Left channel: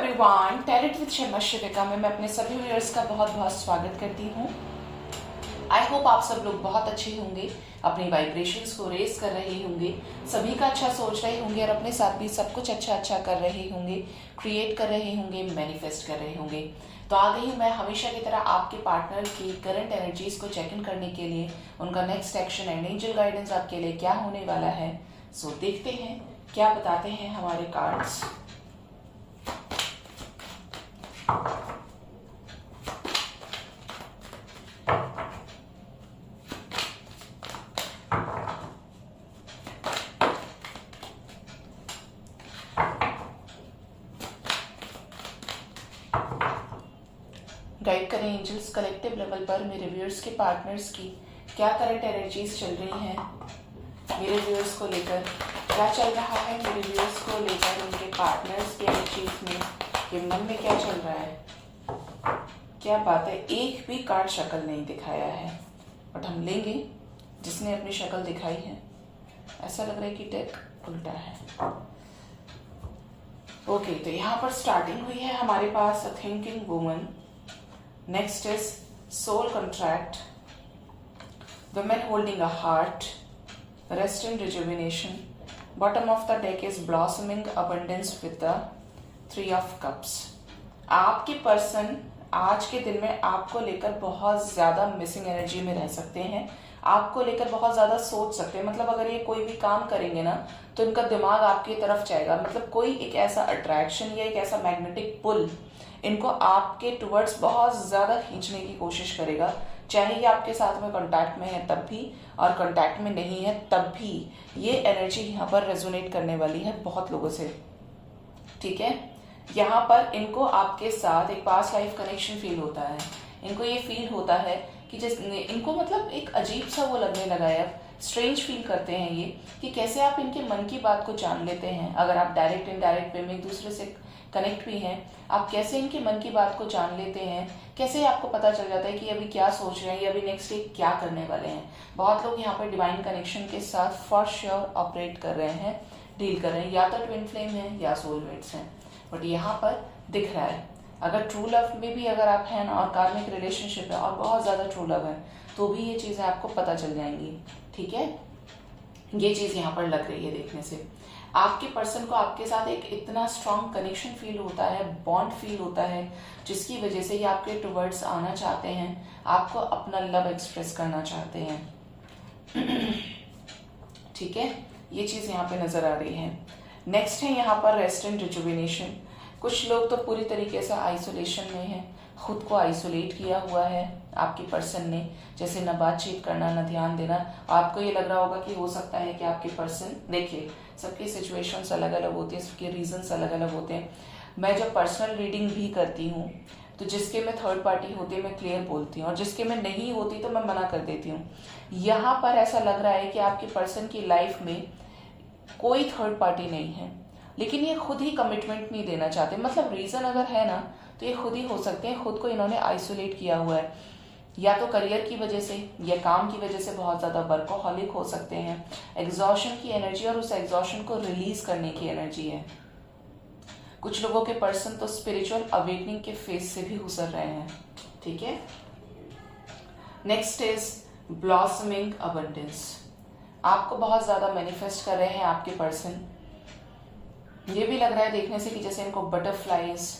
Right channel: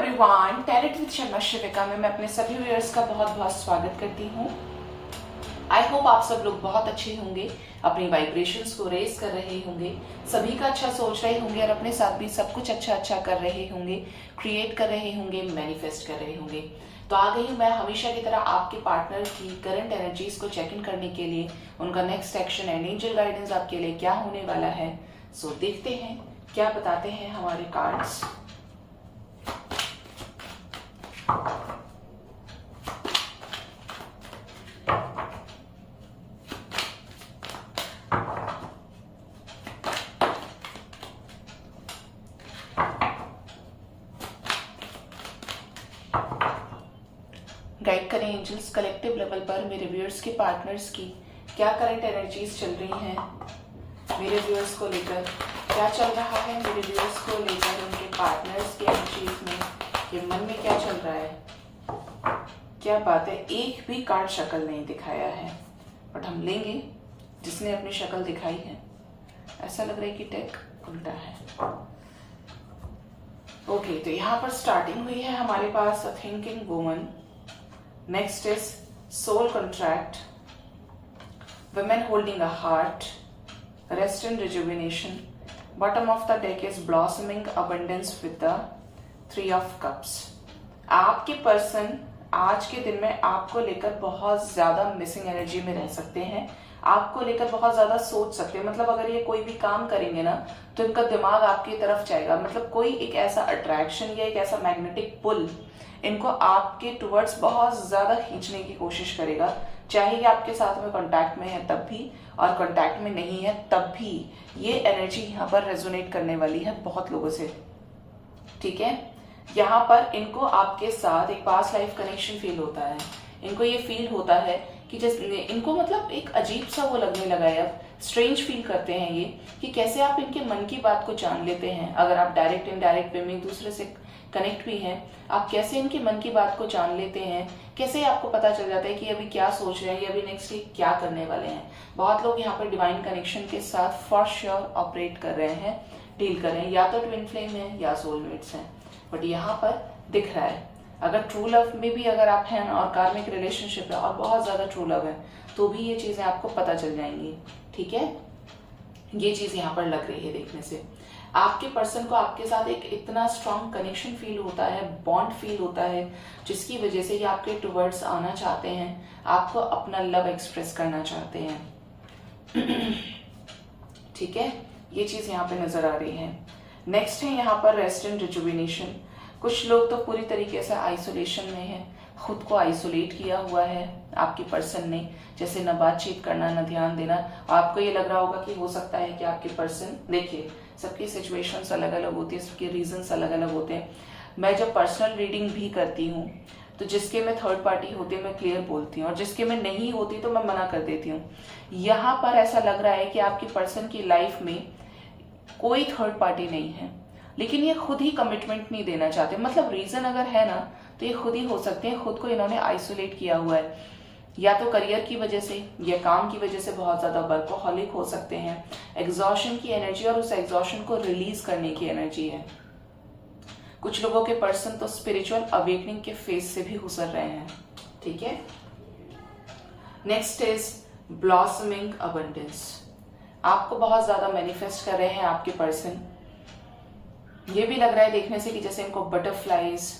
Everyone, talent with Sharma शिविका में मैं अपने सभी व्यूअर्स का बहुत बहुत स्वागत करती हूँ। आई होप आप सब लोग बहुत अच्छे होंगे, अपनी वाइब्रेशंस को रेज कर रहे होंगे, सभी का अच्छा सोच रहे होंगे और अपने साथ भी सब कुछ अच्छा कर रहे होंगे, क्रिएट कर रहे होंगे, मैनिफेस्ट कर रहे होंगे। तो आ गई हूँ मैं हमेशा की तरह आपके पार्टनर की करंट एनर्जीज को चेक इन करने के लिए, उनका next action and angel guidance आपके लिए क्या होने वाला है। सो देखते हैं क्या बताते हैं हमारे कार्ड्स। गाइड करें एंजल्स कलेक्टिव लेवल पर मेरे व्यूअर्स के पार्टनर्स की क्या करंट एनर्जीज चल रही हैं, मेरे व्यूअर्स को लेकर क्या चल रहा है, मेरे व्यूअर्स को लेकर उनके पार्टनर्स की एनर्जीज में ये मन में क्या चल रहा है। क्या बात है, एक भी कार्ड शक्ल नहीं दिखाया है, बट हम लेंगे जिसने अपनी शक्ल दिखाई है। ऐसा लग रहा है कि टेक उल्टा है। ओके, तो यहाँ पर स्टार्टिंग हुई है हमारे पास a thinking woman, next is soul contract, women holding a heart, rest and rejuvenation. Bottom of the deck is blossoming abundance with the 3 of cups. आपके पर्सन आज के दिन में आपको लेकर बहुत ज्यादा मिसिंग एनर्जी में रह सकते हैं, आपको लेकर बहुत ज्यादा सोच सकते हैं। मतलब अगर ये कोई भी काम करेंगे ना तो इनका दिमाग आपकी तरफ जाएगा। मतलब कोई एक ऐसा अट्रैक्शन या एक ऐसा मैग्नेटिक पुल इनको आपके टुवर्ड्स बहुत ज्यादा खींचने की कोशिश करेगा, चाहे ये आपके साथ में कांटेक्ट में है तब भी और कांटेक्ट में नहीं है तब भी। ये एनर्जी यहाँ पर रेजोनेट करने वाली है बहुत लोगों से, ठीक है। यहाँ पर इनको आपके साथ एक पास्ट लाइफ कनेक्शन फील होता है। इनको ये फील होता है कि जैसे इनको मतलब एक अजीब सा वो लगने लगा है, स्ट्रेंज फील करते हैं ये कि कैसे आप इनके मन की बात को जान लेते हैं। अगर आप डायरेक्ट इनडायरेक्ट वे में एक दूसरे से कनेक्ट भी हैं, आप कैसे इनके मन की बात को जान लेते हैं, कैसे आपको पता चल जाता है कि अभी क्या सोच रहे हैं या अभी नेक्स्ट डे क्या करने वाले हैं। बहुत लोग यहाँ पर डिवाइन कनेक्शन के साथ फॉर श्योर ऑपरेट कर रहे हैं, डील कर रहे हैं, या तो ट्विन फ्लेम है या सोलमेट्स हैं। बट यहाँ पर दिख रहा है अगर ट्रू लव में भी अगर आप हैं और कार्मिक रिलेशनशिप है और बहुत ज्यादा ट्रू लव है तो भी ये चीजें आपको पता चल जाएंगी, ठीक है। ये चीज यहाँ पर लग रही है देखने से। आपके पर्सन को आपके साथ एक इतना स्ट्रॉन्ग कनेक्शन फील होता है, बॉन्ड फील होता है, जिसकी वजह से ये आपके टुवर्ड्स आना चाहते हैं, आपको अपना लव एक्सप्रेस करना चाहते हैं, ठीक है। ये चीज यहाँ पे नजर आ रही है। नेक्स्ट है यहाँ पर रेस्ट एंड रिजुविनेशन। कुछ लोग तो पूरी तरीके से आइसोलेशन में है, खुद को आइसोलेट किया हुआ है आपके पर्सन ने, जैसे न बातचीत करना न ध्यान देना। आपको ये लग रहा होगा कि हो सकता है कि आपके पर्सन, देखिए सबकी सिचुएशंस अलग अलग होती है, सबके रीजंस अलग अलग होते हैं। मैं जब पर्सनल रीडिंग भी करती हूँ तो जिसके में थर्ड पार्टी होती है मैं क्लियर बोलती हूँ और जिसके में नहीं होती तो मैं मना कर देती हूँ। यहाँ पर ऐसा लग रहा है कि आपके पर्सन की लाइफ में कोई थर्ड पार्टी नहीं है, लेकिन ये खुद ही कमिटमेंट नहीं देना चाहते। मतलब रीजन अगर है ना तो ये खुद ही हो सकते हैं, खुद को इन्होंने आइसोलेट किया हुआ है, या तो करियर की वजह से या काम की वजह से बहुत ज्यादा वर्कोहॉलिक हो सकते हैं। एग्जॉशन की एनर्जी और उस एग्जॉशन को रिलीज करने की एनर्जी है। कुछ लोगों के पर्सन तो स्पिरिचुअल अवेकनिंग के फेज से भी गुजर रहे हैं, ठीक है। Next is blossoming abundance. आपको बहुत ज्यादा मैनिफेस्ट कर रहे हैं आपके पर्सन। ये भी लग रहा है देखने से कि जैसे इनको बटरफ्लाईज,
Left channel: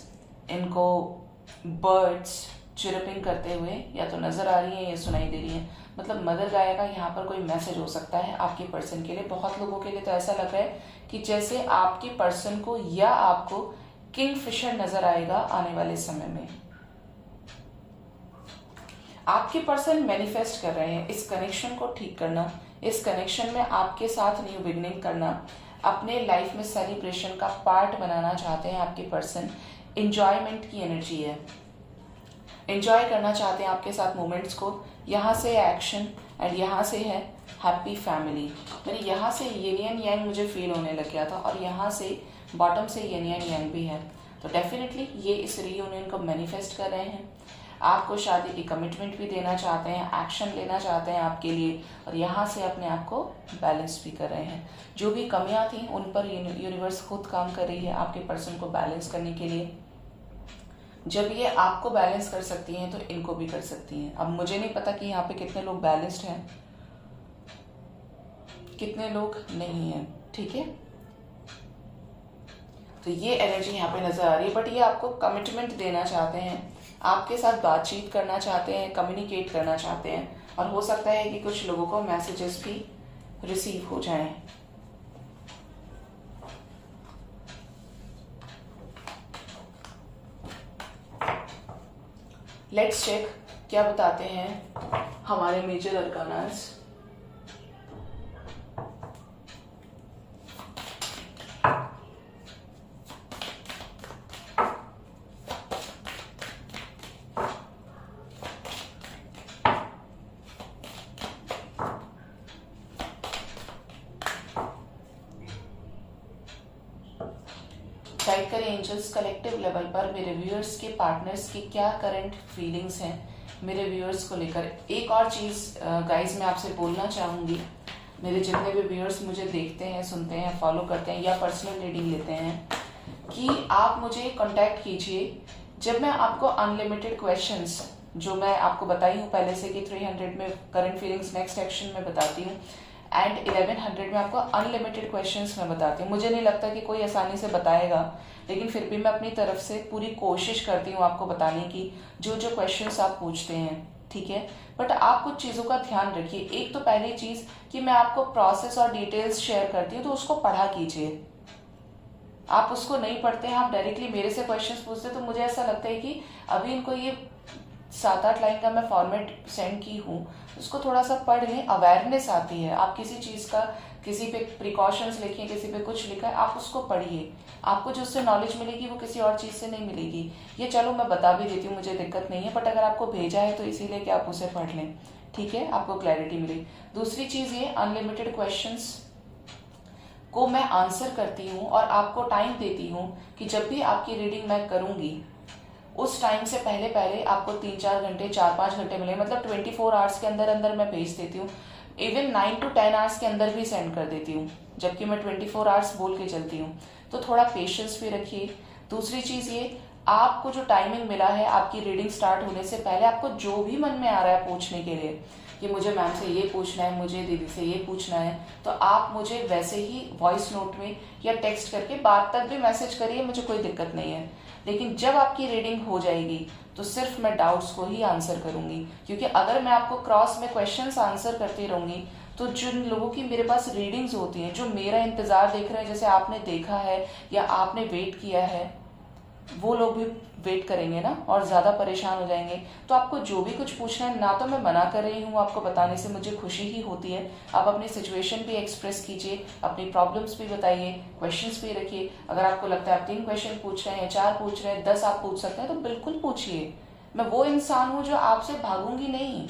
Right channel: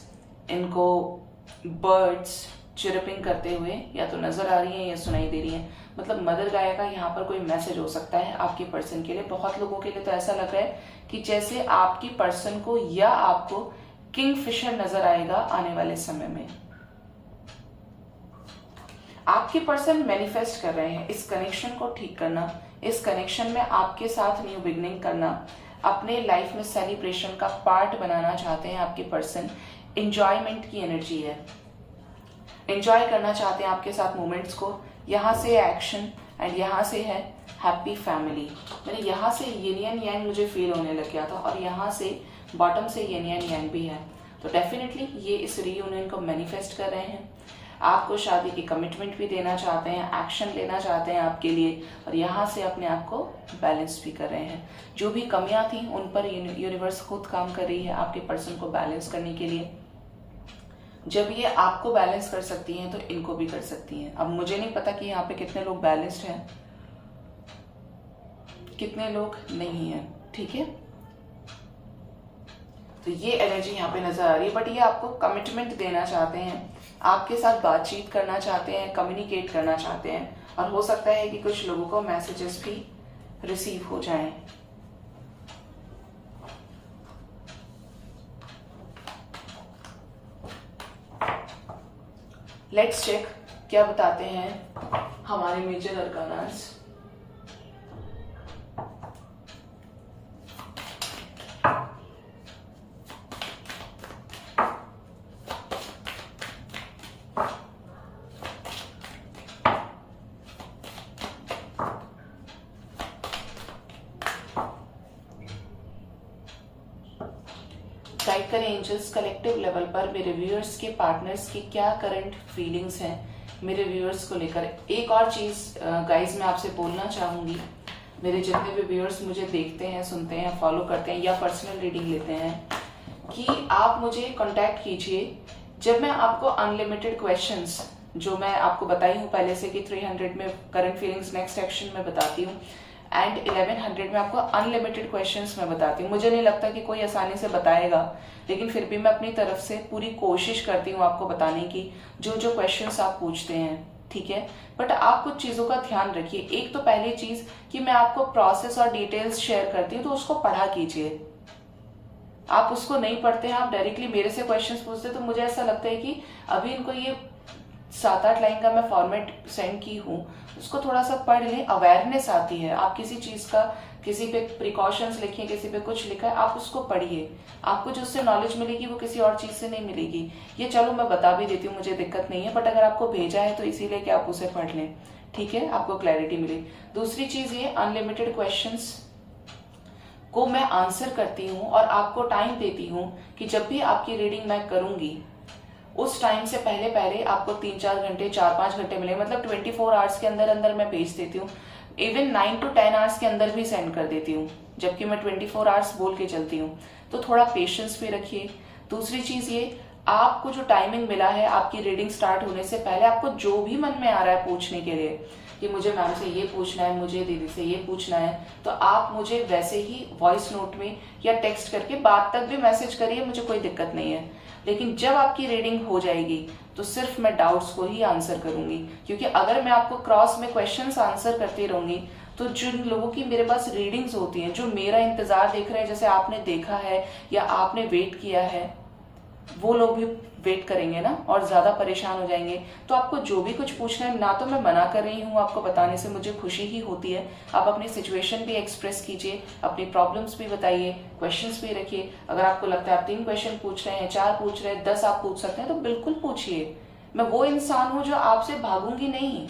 इनको बर्ड्स चिरपिंग करते हुए या तो नजर आ रही है या सुनाई दे रही है। मतलब मदर गाय का यहाँ पर कोई मैसेज हो सकता है आपके पर्सन के लिए। बहुत लोगों के लिए तो ऐसा लग रहा है कि जैसे आपके पर्सन को या आपको किंगफिशर नजर आएगा आने वाले समय में। आपके पर्सन मैनिफेस्ट कर रहे हैं इस कनेक्शन को ठीक करना, इस कनेक्शन में आपके साथ न्यू बिगनिंग करना, अपने लाइफ में सेलिब्रेशन का पार्ट बनाना चाहते हैं आपके पर्सन। एंजॉयमेंट की एनर्जी है, एंजॉय करना चाहते हैं आपके साथ मोमेंट्स को। यहाँ से एक्शन एंड यहाँ से है हैप्पी फैमिली। यानी यहाँ से येन यांग मुझे फील होने लग गया था और यहाँ से बॉटम से येन यांग भी है। तो डेफिनेटली ये इस रियूनियन को मैनिफेस्ट कर रहे हैं, आपको शादी की कमिटमेंट भी देना चाहते हैं, एक्शन लेना चाहते हैं आपके लिए, और यहाँ से अपने आप को बैलेंस भी कर रहे हैं। जो भी कमियां थी उन पर यूनिवर्स खुद काम कर रही है आपके पर्सन को बैलेंस करने के लिए। जब ये आपको बैलेंस कर सकती हैं तो इनको भी कर सकती हैं। अब मुझे नहीं पता कि यहाँ पे कितने लोग बैलेंस्ड हैं, कितने लोग नहीं हैं, ठीक है। तो ये एनर्जी यहाँ पे नजर आ रही है, बट ये आपको कमिटमेंट देना चाहते हैं, आपके साथ बातचीत करना चाहते हैं, कम्युनिकेट करना चाहते हैं, और हो सकता है कि कुछ लोगों को मैसेजेस भी रिसीव हो जाएं। लेट्स चेक क्या बताते हैं हमारे मेजर अरकानास। गाइड करें एंजल्स कलेक्टिव लेवल पर मेरे व्यूअर्स के पार्टनर्स की क्या करंट फीलिंग्स हैं मेरे व्यूअर्स को लेकर। एक और चीज गाइज मैं आपसे बोलना चाहूंगी, मेरे जितने भी व्यूअर्स मुझे देखते हैं, सुनते हैं, फॉलो करते हैं या पर्सनल रीडिंग लेते हैं, कि आप मुझे कांटेक्ट कीजिए जब मैं आपको अनलिमिटेड क्वेश्चंस, जो मैं आपको बताई हूँ पहले से कि 300 में करंट फीलिंग्स नेक्स्ट एक्शन में बताती हूँ, एंड 1100 में आपको अनलिमिटेड क्वेश्चंस में बताती हूँ। मुझे नहीं लगता कि कोई आसानी से बताएगा, लेकिन फिर भी मैं अपनी तरफ से पूरी कोशिश करती हूँ आपको बताने की, जो जो क्वेश्चंस आप पूछते हैं, ठीक है। बट आप कुछ चीजों का ध्यान रखिए। एक तो पहली चीज कि मैं आपको प्रोसेस और डिटेल्स शेयर करती हूँ, तो उसको पढ़ा कीजिए। आप उसको नहीं पढ़ते हैं, आप डायरेक्टली मेरे से क्वेश्चंस पूछते हैं, तो मुझे ऐसा लगता है कि अभी इनको ये 7-8 लाइन का मैं फॉर्मेट सेंड की हूँ, उसको थोड़ा सा पढ़ लें, अवेयरनेस आती है। आप किसी चीज का, किसी पे प्रिकॉशंस लिखिए, किसी पे कुछ लिखा है, आप उसको पढ़िए, आपको जो उससे नॉलेज मिलेगी वो किसी और चीज से नहीं मिलेगी। ये चलो मैं बता भी देती हूँ, मुझे दिक्कत नहीं है, बट अगर आपको भेजा है तो इसीलिए कि आप उसे पढ़ लें, ठीक है, आपको क्लैरिटी मिले। दूसरी चीज ये अनलिमिटेड क्वेश्चंस को मैं आंसर करती हूँ और आपको टाइम देती हूँ कि जब भी आपकी रीडिंग मैं करूंगी उस टाइम से पहले पहले आपको 3-4 घंटे, 4-5 घंटे मिले, मतलब 24 आवर्स के अंदर अंदर मैं भेज देती हूँ। इवन 9 to 10 आवर्स के अंदर भी सेंड कर देती हूँ, जबकि मैं 24 आवर्स बोल के चलती हूँ। तो थोड़ा पेशेंस भी रखिए। दूसरी चीज ये, आपको जो टाइमिंग मिला है आपकी रीडिंग स्टार्ट होने से पहले, आपको जो भी मन में आ रहा है पूछने के लिए कि मुझे मैम से ये पूछना है, मुझे दीदी से ये पूछना है, तो आप मुझे वैसे ही वॉइस नोट में या टेक्स्ट करके बाद तक भी मैसेज करिए, मुझे कोई दिक्कत नहीं है। लेकिन जब आपकी रीडिंग हो जाएगी तो सिर्फ मैं डाउट्स को ही आंसर करूंगी, क्योंकि अगर मैं आपको क्रॉस में क्वेश्चंस आंसर करती रहूंगी तो जिन लोगों की मेरे पास रीडिंग्स होती हैं, जो मेरा इंतजार देख रहे हैं, जैसे आपने देखा है या आपने वेट किया है, वो लोग भी वेट करेंगे ना और ज्यादा परेशान हो जाएंगे। तो आपको जो भी कुछ पूछना है, ना तो मैं मना कर रही हूँ आपको बताने से, मुझे खुशी ही होती है। आप अपनी सिचुएशन भी एक्सप्रेस कीजिए, अपनी प्रॉब्लम्स भी बताइए, क्वेश्चंस भी रखिए। अगर आपको लगता है आप 3 क्वेश्चन पूछ रहे हैं, 4 पूछ रहे हैं, 10 आप पूछ सकते हैं, तो बिल्कुल पूछिए। मैं वो इंसान हूं जो आपसे भागूंगी नहीं,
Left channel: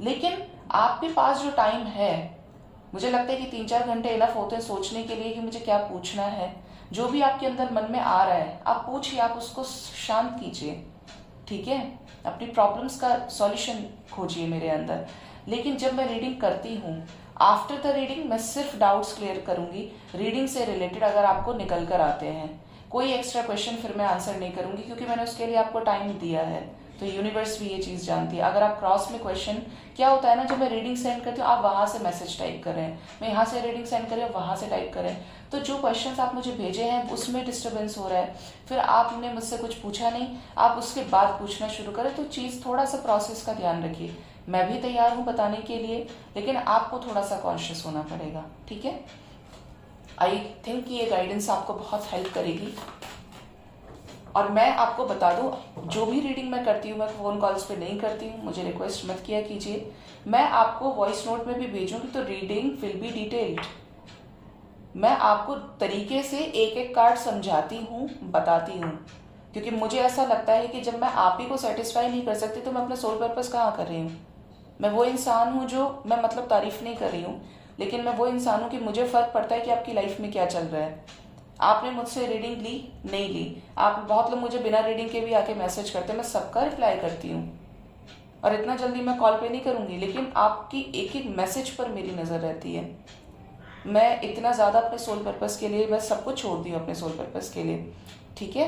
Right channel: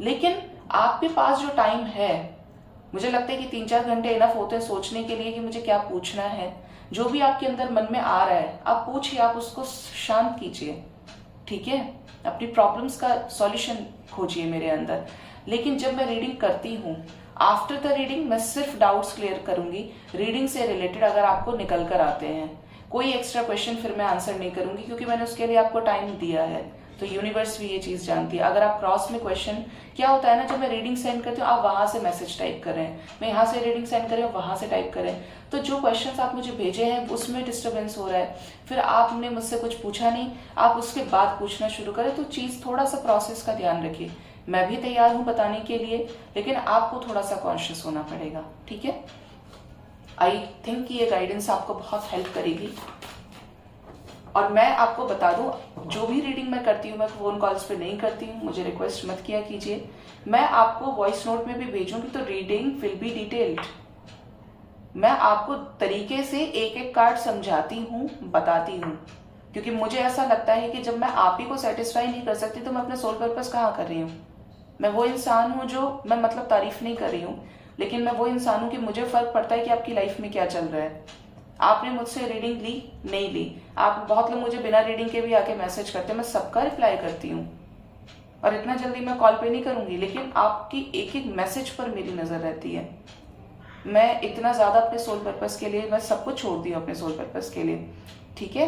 लेकिन आपके पास जो टाइम है, मुझे लगता है कि 3-4 घंटे इनफ होते हैं सोचने के लिए कि मुझे क्या पूछना है। जो भी आपके अंदर मन में आ रहा है आप पूछिए, आप उसको शांत कीजिए, ठीक है। अपनी प्रॉब्लम्स का सॉल्यूशन खोजिए मेरे अंदर। लेकिन जब मैं रीडिंग करती हूँ, आफ्टर द रीडिंग मैं सिर्फ डाउट्स क्लियर करूंगी रीडिंग से रिलेटेड। अगर आपको निकल कर आते हैं कोई एक्स्ट्रा क्वेश्चन, फिर मैं आंसर नहीं करूंगी, क्योंकि मैंने उसके लिए आपको टाइम दिया है। तो यूनिवर्स भी ये चीज जानती है। अगर आप क्रॉस में क्वेश्चन, क्या होता है ना, जब मैं रीडिंग सेंड करती हूँ आप वहां से मैसेज टाइप कर रहे हैं, मैं यहाँ से रीडिंग सेंड कर रही हूँ, वहां से टाइप कर रहे हैं, तो जो क्वेश्चंस आप मुझे भेजे हैं उसमें डिस्टर्बेंस हो रहा है। फिर आपने मुझसे कुछ पूछा नहीं, आप उसके बाद पूछना शुरू करें, तो चीज थोड़ा सा प्रोसेस का ध्यान रखिए। मैं भी तैयार हूं बताने के लिए, लेकिन आपको थोड़ा सा कॉन्शियस होना पड़ेगा, ठीक है। आई थिंक ये गाइडेंस आपको बहुत हेल्प करेगी। और मैं आपको बता दूं, जो भी रीडिंग मैं करती हूँ मैं फोन कॉल्स पे नहीं करती हूँ, मुझे रिक्वेस्ट मत किया कीजिए। मैं आपको वॉइस नोट में भी भेजूंगी तो रीडिंग विल बी डिटेल्ड। मैं आपको तरीके से एक एक कार्ड समझाती हूँ, बताती हूँ, क्योंकि मुझे ऐसा लगता है कि जब मैं आप ही को सेटिस्फाई नहीं कर सकती तो मैं अपने सोल पर्पस कहाँ कर रही हूँ। मैं वो इंसान हूँ जो, मैं मतलब तारीफ नहीं कर रही हूँ, लेकिन मैं वो इंसान हूँ कि मुझे फर्क पड़ता है कि आपकी लाइफ में क्या चल रहा है। आपने मुझसे रीडिंग ली, नहीं ली, आप बहुत लोग मुझे बिना रीडिंग के भी आके मैसेज करते हैं, मैं सबका रिप्लाई करती हूँ। और इतना जल्दी मैं कॉल पे नहीं करूंगी, लेकिन आपकी एक एक मैसेज पर मेरी नजर रहती है। मैं इतना ज्यादा अपने सोल पर्पस के लिए, मैं सब कुछ छोड़ दी हूँ अपने सोल पर्पस के लिए, ठीक है।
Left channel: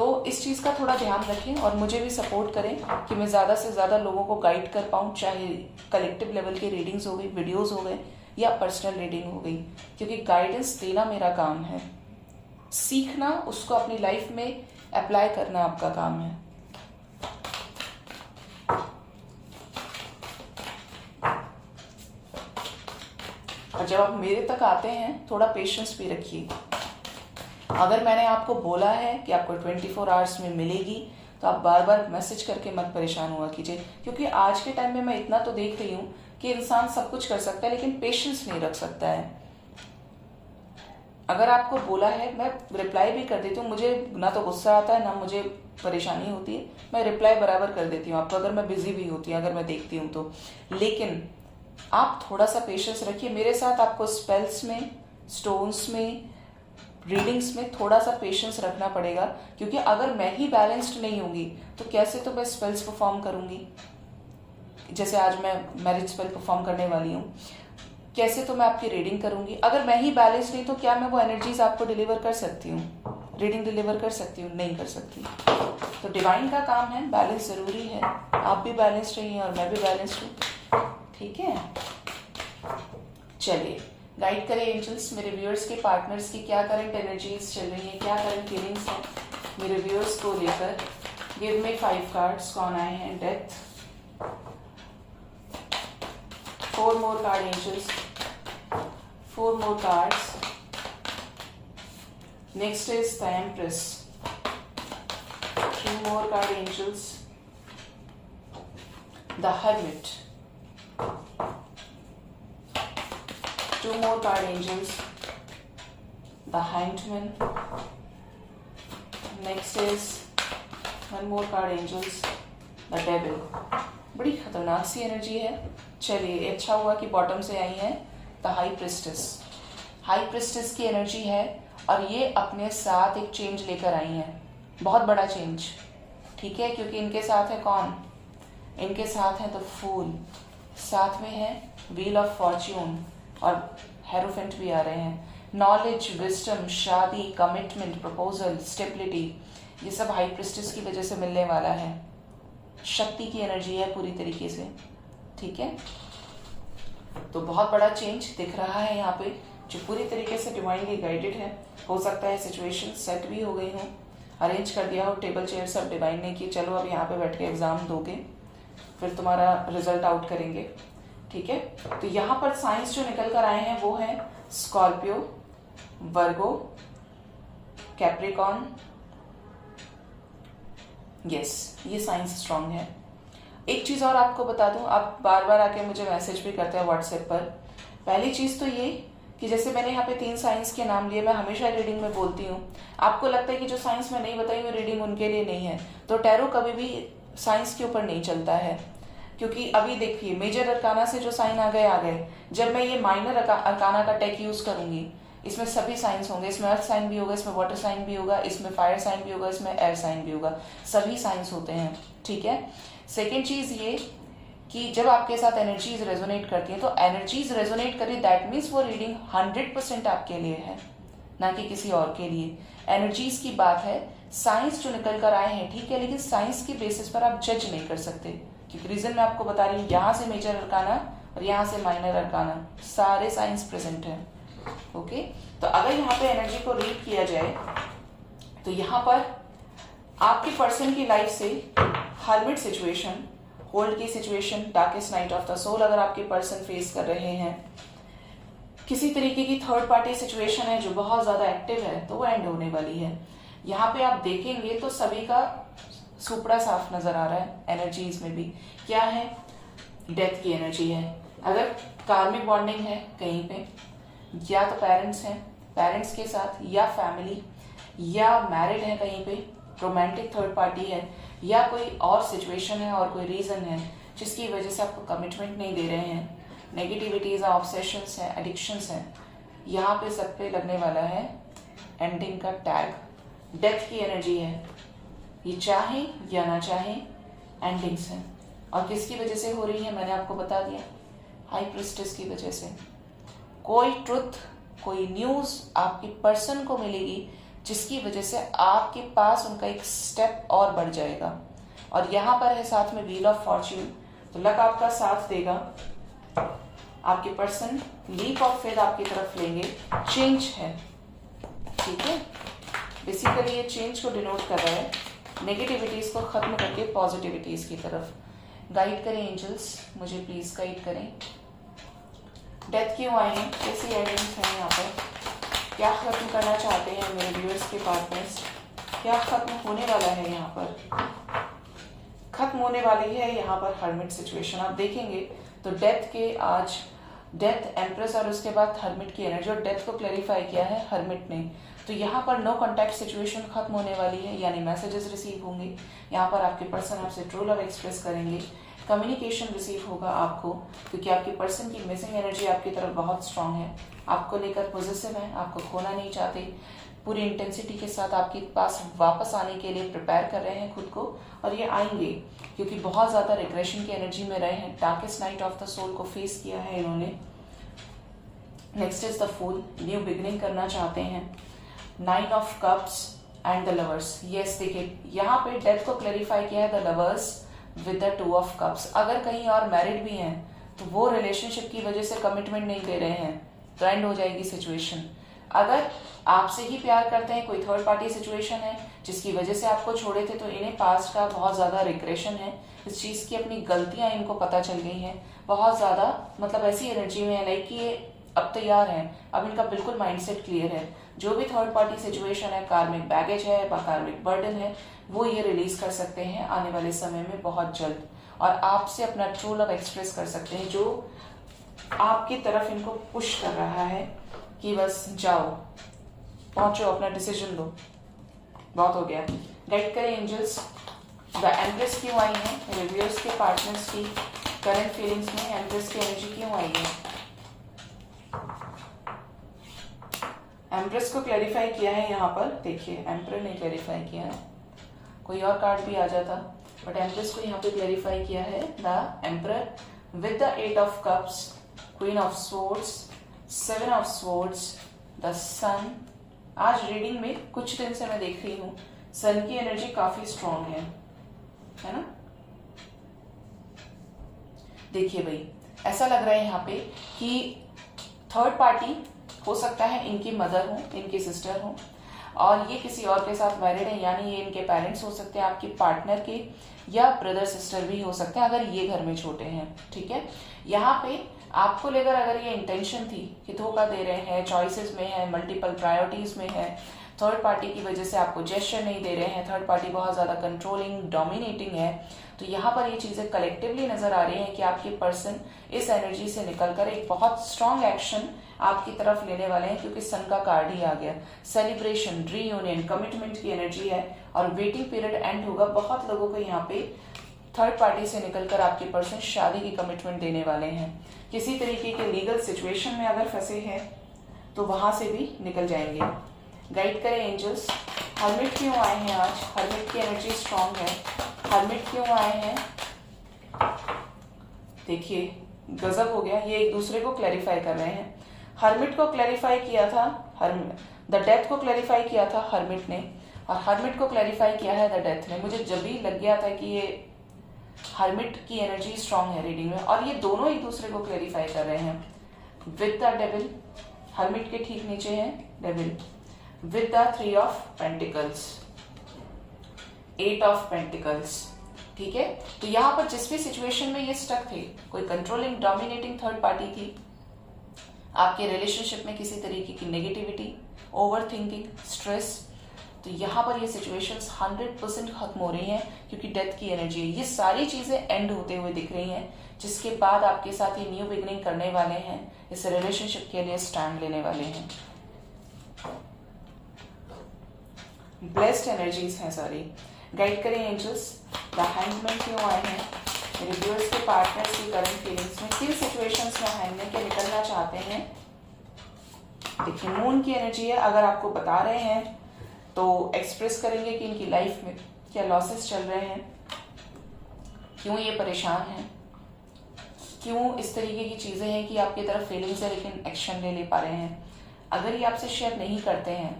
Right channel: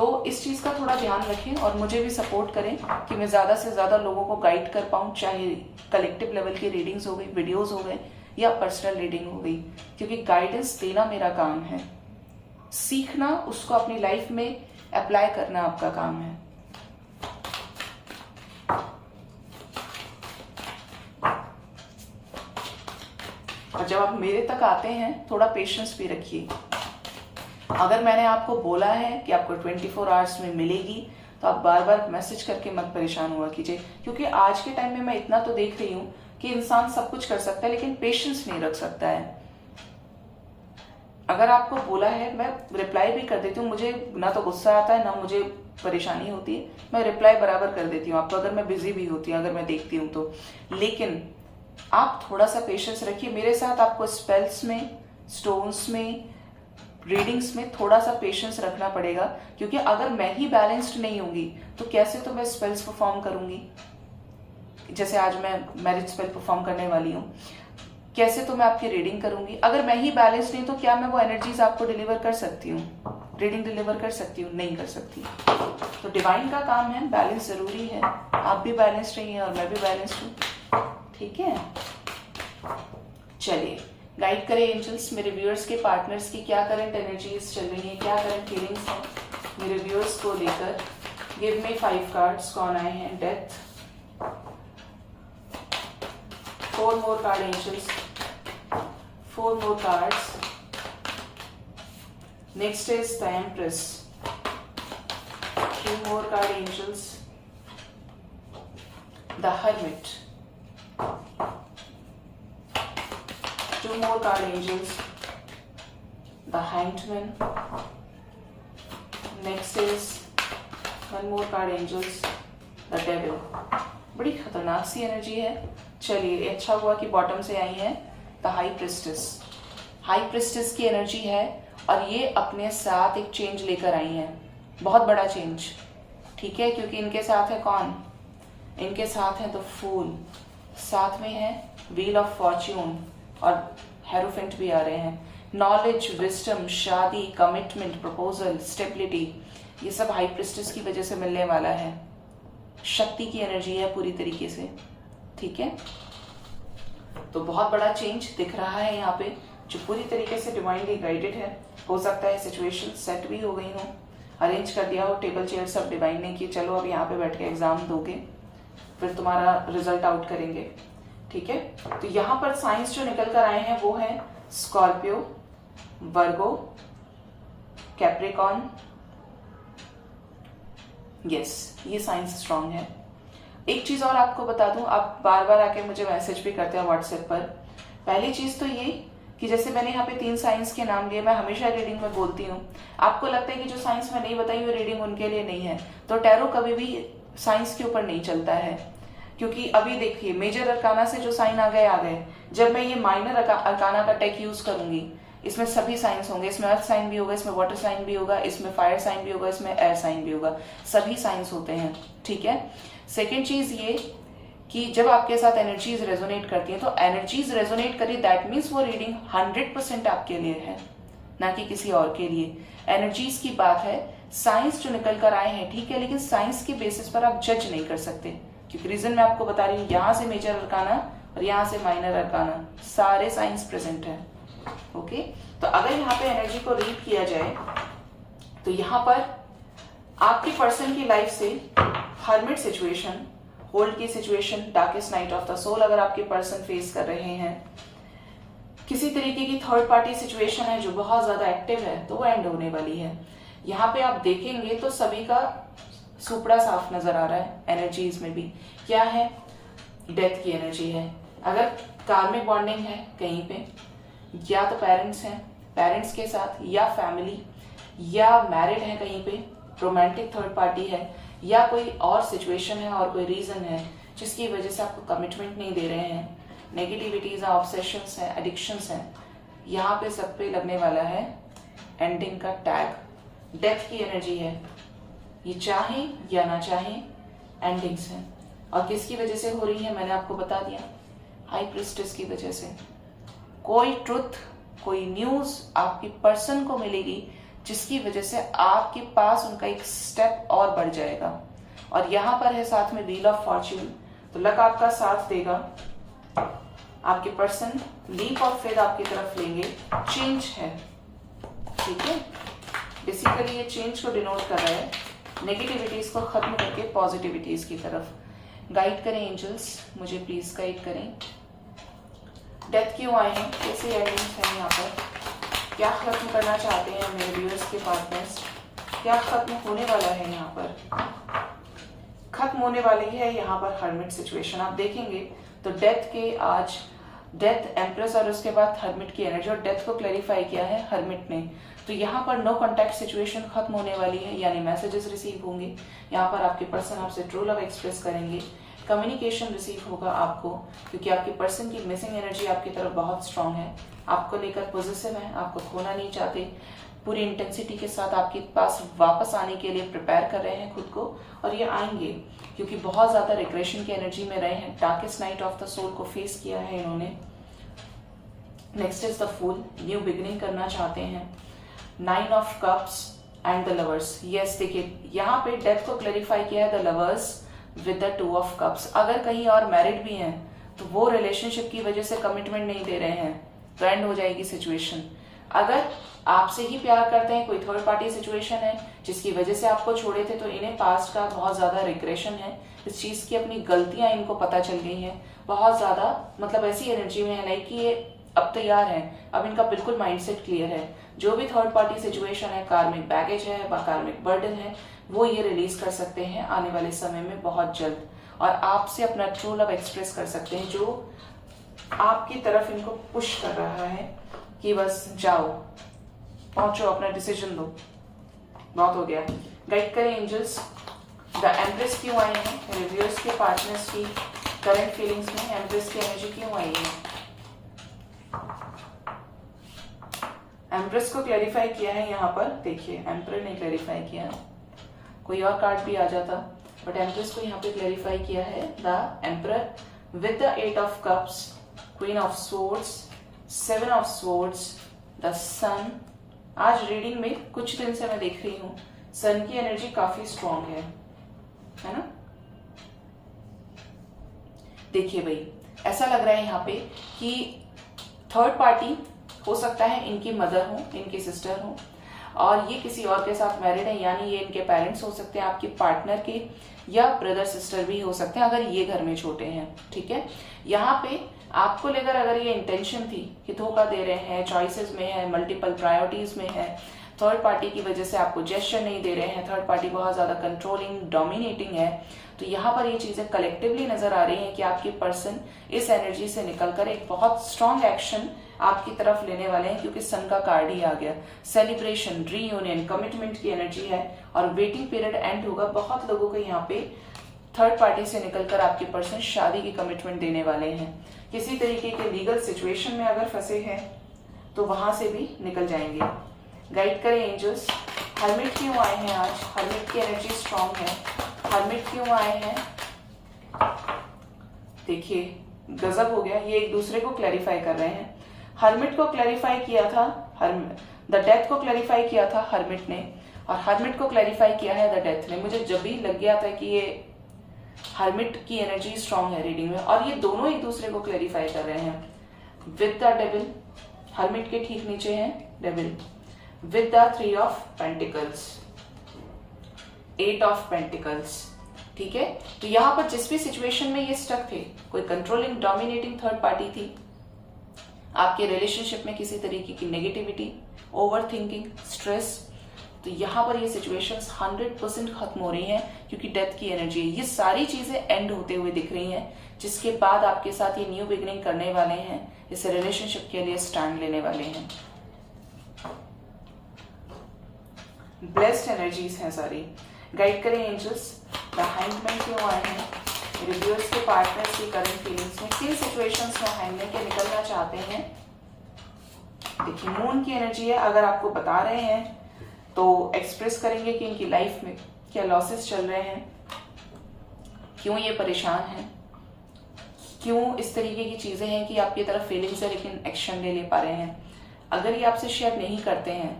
तो इस चीज का थोड़ा ध्यान रखें और मुझे भी सपोर्ट करें कि मैं ज्यादा से ज्यादा लोगों को गाइड कर पाऊं, चाहे कलेक्टिव लेवल की रीडिंग्स हो गई, वीडियोस हो गए या पर्सनल रीडिंग हो गई, क्योंकि गाइडेंस देना मेरा काम है, सीखना उसको अपनी लाइफ में अप्लाई करना आपका काम है। और जब आप मेरे तक आते हैं थोड़ा पेशेंस भी रखिए। अगर मैंने आपको बोला है कि आपको 24 आवर्स में मिलेगी तो आप बार बार मैसेज करके मत परेशान हुआ कीजिए, क्योंकि आज के टाइम में मैं इतना तो देख रही हूँ कि इंसान सब कुछ कर सकता है लेकिन पेशेंस नहीं रख सकता है। अगर आपको बोला है मैं रिप्लाई भी कर देती हूँ, मुझे ना तो गुस्सा आता है ना मुझे परेशानी होती है, मैं रिप्लाई बराबर कर देती हूँ आपको, अगर मैं बिजी भी होती हूँ, अगर मैं देखती हूँ तो। लेकिन आप थोड़ा सा पेशेंस रखिए मेरे साथ। आपको स्पेल्स में, स्टोन्स में, रीडिंग्स में थोड़ा सा पेशेंस रखना पड़ेगा, क्योंकि अगर मैं ही बैलेंस्ड नहीं होंगी तो कैसे तो मैं स्पेल्स परफॉर्म करूंगी। जैसे आज मैं मैरिज स्पेल परफॉर्म करने वाली हूँ, कैसे तो मैं आपकी रीडिंग करूंगी। अगर मैं ही बैलेंस नहीं तो क्या मैं वो एनर्जीज आपको डिलीवर कर सकती हूँ, रीडिंग डिलीवर कर सकती हूँ? नहीं कर सकती। तो डिवाइन का काम है, बैलेंस जरूरी है। आप भी बैलेंस रहिए और मैं भी बैलेंस हूँ, ठीक है। चलिए गाइड करें एंजल्स मेरे व्यूअर्स के, पार्टनर्स की क्या करंट एनर्जीज चल रही है, क्या करंट फीलिंग्स है मेरे व्यूअर्स को लेकर। Give me 5 cards. कौन आए हैं? Death, 4 more card angels, 4 more cards. Next is the empress, 2 more card angels, the hermit, 2 more card angels, the Hanged Man. Next is 1 more card angels, the Devil. बड़ी खतरनाक सी energy है। चलिए अच्छा हुआ कि बॉटम से आई है the high priestess. High priestess की एनर्जी है और ये अपने साथ एक चेंज लेकर आई है, बहुत बड़ा चेंज, ठीक है। क्योंकि इनके साथ है कौन? इनके साथ है द फूल, साथ में है व्हील ऑफ फॉर्च्यून और हेरोफेंट भी आ रहे हैं। नॉलेज, विजडम, शादी, कमिटमेंट, प्रपोजल, स्टेबिलिटी, ये सब हाई प्रिस्टेस की वजह से मिलने वाला है। शक्ति की एनर्जी है पूरी तरीके से, ठीक है। तो बहुत बड़ा चेंज दिख रहा है यहाँ पे जो पूरी तरीके से डिवाइनली गाइडेड है। हो सकता है सिचुएशन सेट भी हो गई हो, अरेंज कर दिया हो, टेबल चेयर सब डिवाइन ने कि चलो अब यहाँ पे बैठ के एग्जाम दोगे, फिर तुम्हारा रिजल्ट आउट करेंगे, ठीक है। तो यहाँ पर साइंस जो निकल कर आए हैं वो है स्कॉर्पियो, वर्गो, कैप्रिकॉन। यस, ये साइंस स्ट्रांग है। एक चीज और आपको बता दूं, आप बार बार आके मुझे मैसेज भी करते हैं व्हाट्सएप पर। पहली चीज तो ये कि जैसे मैंने यहाँ पे 3 साइंस के नाम लिए, मैं हमेशा रीडिंग में बोलती हूँ, आपको लगता है कि जो साइंस में नहीं बताई हुई रीडिंग उनके लिए नहीं है, तो टैरो कभी भी साइंस के ऊपर नहीं चलता है। क्योंकि अभी देखिए मेजर अरकाना से जो साइन आ गए, जब मैं ये माइनर अरकाना का टेक यूज करूंगी, इसमें सभी साइंस होंगे, इसमें अर्थ साइन भी होगा, इसमें वाटर साइन भी होगा, इसमें फायर साइन भी होगा, इसमें एयर साइन भी होगा, सभी साइंस होते हैं, ठीक है। सेकेंड चीज ये कि जब आपके साथ एनर्जीज रेजोनेट करती हैं, तो एनर्जीज रेजोनेट करी दैट मीन्स वो रीडिंग 100% आपके लिए है, ना कि किसी और के लिए। एनर्जीज की बात है, साइंस जो निकल कर आए हैं ठीक है, लेकिन साइंस के बेसिस पर आप जज नहीं कर सकते, क्योंकि रीजन मैं आपको बता रही हूँ, यहां से मेजर अरकाना और यहां से माइनर अरकाना, सारे साइंस प्रेजेंट है, ओके। तो अगर यहाँ पे एनर्जी को रीड किया जाए तो यहाँ पर आपके पर्सन की लाइफ से हर्मिट सिचुएशन, होल्ड की situation, darkest night of the soul अगर आपके पर्सन फेस कर रहे हैं, किसी तरीके की थर्ड पार्टी सिचुएशन है जो बहुत ज्यादा एक्टिव है, तो वो एंड होने वाली है। यहाँ पे आप देखेंगे तो सभी का सुपड़ा साफ नजर आ रहा है एनर्जीज में भी। क्या है? डेथ की एनर्जी है। अगर कार्मिक बॉन्डिंग है कहीं पे, या तो पेरेंट्स हैं, पेरेंट्स के साथ, या फैमिली, या मैरिड है कहीं पे, रोमांटिक थर्ड पार्टी है, या कोई और सिचुएशन है और कोई रीजन है जिसकी वजह से आपको कमिटमेंट नहीं दे रहे हैं, नेगेटिविटीज है, ऑब्सेशंस है, एडिक्शंस है, यहाँ पे सब पे लगने वाला है एंडिंग का टैग। डेथ की एनर्जी है, ये चाहे या ना चाहे एंडिंग्स है। और किसकी वजह से हो रही है मैंने आपको बता दिया, हाई प्रिस्टेस की वजह से। कोई ट्रुथ, कोई न्यूज आपकी पर्सन को मिलेगी जिसकी वजह से आपके पास उनका एक स्टेप और बढ़ जाएगा। और यहाँ पर है साथ में व्हील ऑफ फॉर्च्यून, तो लक आपका साथ देगा, आपके पर्सन लीप ऑफ फेथ आपकी तरफ लेंगे, चेंज है, ठीक है। बेसिकली ये चेंज को डिनोट कर रहा है, नेगेटिविटीज को खत्म करके पॉजिटिविटीज की तरफ। गाइड करें एंजल्स, मुझे प्लीज गाइड करें। डेथ क्यों आए हैं, कैसी एंडिंग्स हैं यहाँ पर, क्या खत्म करना चाहते हैं मेरे व्यूअर्स के पार्टनर्स, क्या खत्म होने वाला है यहाँ पर, खत्म होने वाली है यहाँ पर हर्मिट सिचुएशन। आप देखेंगे तो डेथ के आज डेथ, एम्प्रेस और उसके बाद हर्मिट की एनर्जी, और डेथ को क्लैरिफाई किया है हर्मिट ने। तो यहाँ पर नो कॉन्टैक्ट सिचुएशन खत्म होने वाली है, यानी मैसेजेस रिसीव होंगे, यहाँ पर आपके पर्सन आपसे ट्रू लव एक्सप्रेस करेंगे, कम्युनिकेशन रिसीव होगा आपको, क्योंकि आपके पर्सन की मिसिंग एनर्जी आपकी तरफ बहुत स्ट्रांग है, आपको लेकर पॉजिटिव है, आपको खोना नहीं चाहते, पूरी इंटेंसिटी के साथ आपके पास वापस आने के लिए प्रिपेयर कर रहे हैं खुद को, और ये आएंगे क्योंकि बहुत ज्यादा रिग्रेशन की एनर्जी में रहे हैं, darkest night of the soul को फेस किया है इन्होंने। Next is the fool, new beginning करना चाहते हैं, 9 of cups and the lovers. Yes, देखिए यहाँ पे डेथ को क्लैरिफाई किया है the lovers with the 2 of cups. अगर कहीं और मैरिड भी हैं तो वो रिलेशनशिप की वजह से कमिटमेंट नहीं दे रहे हैं, तो एंड हो जाएगी सिचुएशन। अगर आपसे ही प्यार करते हैं, कोई थर्ड पार्टी सिचुएशन है जिसकी वजह से आपको छोड़े थे, तो इन्हें पास्ट का बहुत ज्यादा रिग्रेशन है, इस चीज की अपनी गलतियां इनको पता चल गई हैं, बहुत ज्यादा मतलब ऐसी एनर्जी में है लाइक कि ये अब तैयार है, अब इनका बिल्कुल माइंडसेट क्लियर है। जो भी थर्ड पार्टी सिचुएशन है, कार्मिक बैगेज है, कार्मिक बर्डन है, वो ये रिलीज कर सकते हैं आने वाले समय में बहुत जल्द, और आपसे अपना ट्रू लव एक्सप्रेस कर सकते हैं, जो आपकी तरफ इनको पुश कर रहा है कि बस जाओ, पहुंचो, अपना डिसीजन लो, बहुत हो गया। गाइड करें एंजल्स, द एम्प्रेस क्यों आई है रिव्यूअर्स के पार्टनर्स की करंट फीलिंग्स में, एम्प्रेस की एनर्जी क्यों आई है। एम्प्रेस को क्लैरिफाई किया है यहाँ पर, देखिए एम्प्रेस ने क्लैरिफाई किया है, कोई और कार्ड भी आ जाता, बट एम्प्रेस को यहाँ पे क्लैरिफाई किया है the emperor with the 8 of cups, queen of swords, 7 of swords, the sun. आज रीडिंग में कुछ दिन से मैं देख रही हूँ सन की एनर्जी काफी स्ट्रॉन्ग है ना। देखिए भाई, ऐसा लग रहा है यहाँ पे कि थर्ड पार्टी हो सकता है इनकी मदर हो, इनकी सिस्टर हो, और ये किसी और के साथ मैरिड है, यानी ये इनके पेरेंट्स हो सकते हैं, आपके पार्टनर के, या ब्रदर सिस्टर भी हो सकते हैं अगर ये घर में छोटे हैं, ठीक है। यहाँ पे आपको लेकर अगर ये इंटेंशन थी कि धोखा दे रहे हैं, चॉइसेस में है, मल्टीपल प्रायोरिटीज में है, थर्ड पार्टी की वजह से आपको जेस्चर नहीं दे रहे हैं, थर्ड पार्टी बहुत ज्यादा कंट्रोलिंग, डोमिनेटिंग है, तो यहाँ पर ये चीजें कलेक्टिवली नजर आ रही हैं कि आपके पर्सन इस एनर्जी से निकलकर एक बहुत स्ट्रॉन्ग एक्शन आपकी तरफ लेने वाले हैं, क्योंकि सन का कार्ड ही आ गया। सेलिब्रेशन, रीयूनियन, कमिटमेंट की एनर्जी है, और वेटिंग पीरियड एंड होगा। बहुत लोगों को यहाँ पे थर्ड पार्टी से निकलकर आपके पर्सन शादी की कमिटमेंट देने वाले हैं। किसी तरीके के लीगल सिचुएशन में अगर फंसे हैं तो वहां से भी निकल जाएंगे। गाइड करें एंजल्स, हर्मिट क्यों आए हैं आज, हर्मिट की एनर्जी स्ट्रॉन्ग है, हर्मिट क्यों आए हैं। देखिए गजब हो गया, ये एक दूसरे को क्लैरिफाई कर रहे हैं। हर्मिट को क्लैरिफाई किया था, द डेथ को क्लैरिफाई किया था हर्मिट ने, और हर्मिट को क्लैरिफाई किया है द डेथ ने। मुझे जब भी लग गया था कि ये हर्मिट की एनर्जी स्ट्रॉन्ग है रीडिंग में, और ये दोनों एक दूसरे को क्लैरिफाई कर रहे हैं। विद द डेविल, हर्मिट के ठीक नीचे है devil, with the 3 of pentacles, 8 of pentacles, ठीक है। तो यहाँ पर जिस भी सिचुएशन में ये स्टक थे, कोई कंट्रोलिंग डोमिनेटिंग थर्ड पार्टी थी, आपके रिलेशनशिप में किसी तरीके की नेगेटिविटी, ओवर थिंकिंग, स्ट्रेस, तो यहाँ पर ये सिचुएशंस 100% खत्म हो रही हैं, क्योंकि डेथ की एनर्जी है। ये सारी चीजें एंड होते हुए दिख रही हैं, जिसके बाद आपके साथ ये न्यू बिगिनिंग करने वाले हैं, इस रिलेशनशिप के लिए स्टैंड लेने वाले हैं। ब्लेस्ड एनर्जीज हैं सारी। गाइड करें एंजल्स, द हैंगमैन क्यों आए हैं मेरे व्यूअर्स के पार्टनर्स की करंट फीलिंग्स में, किन सिचुएशंस में हैंगमैन के निकलना चाहते हैं। देखिए मून की एनर्जी है, अगर आपको बता रहे हैं तो एक्सप्रेस करेंगे कि इनकी लाइफ में क्या लॉसेस चल रहे हैं, क्यों ये परेशान हैं, क्यों इस तरीके की चीजें हैं कि आपकी तरफ फीलिंग्स है लेकिन एक्शन नहीं ले पा रहे हैं। अगर ये आपसे शेयर नहीं करते हैं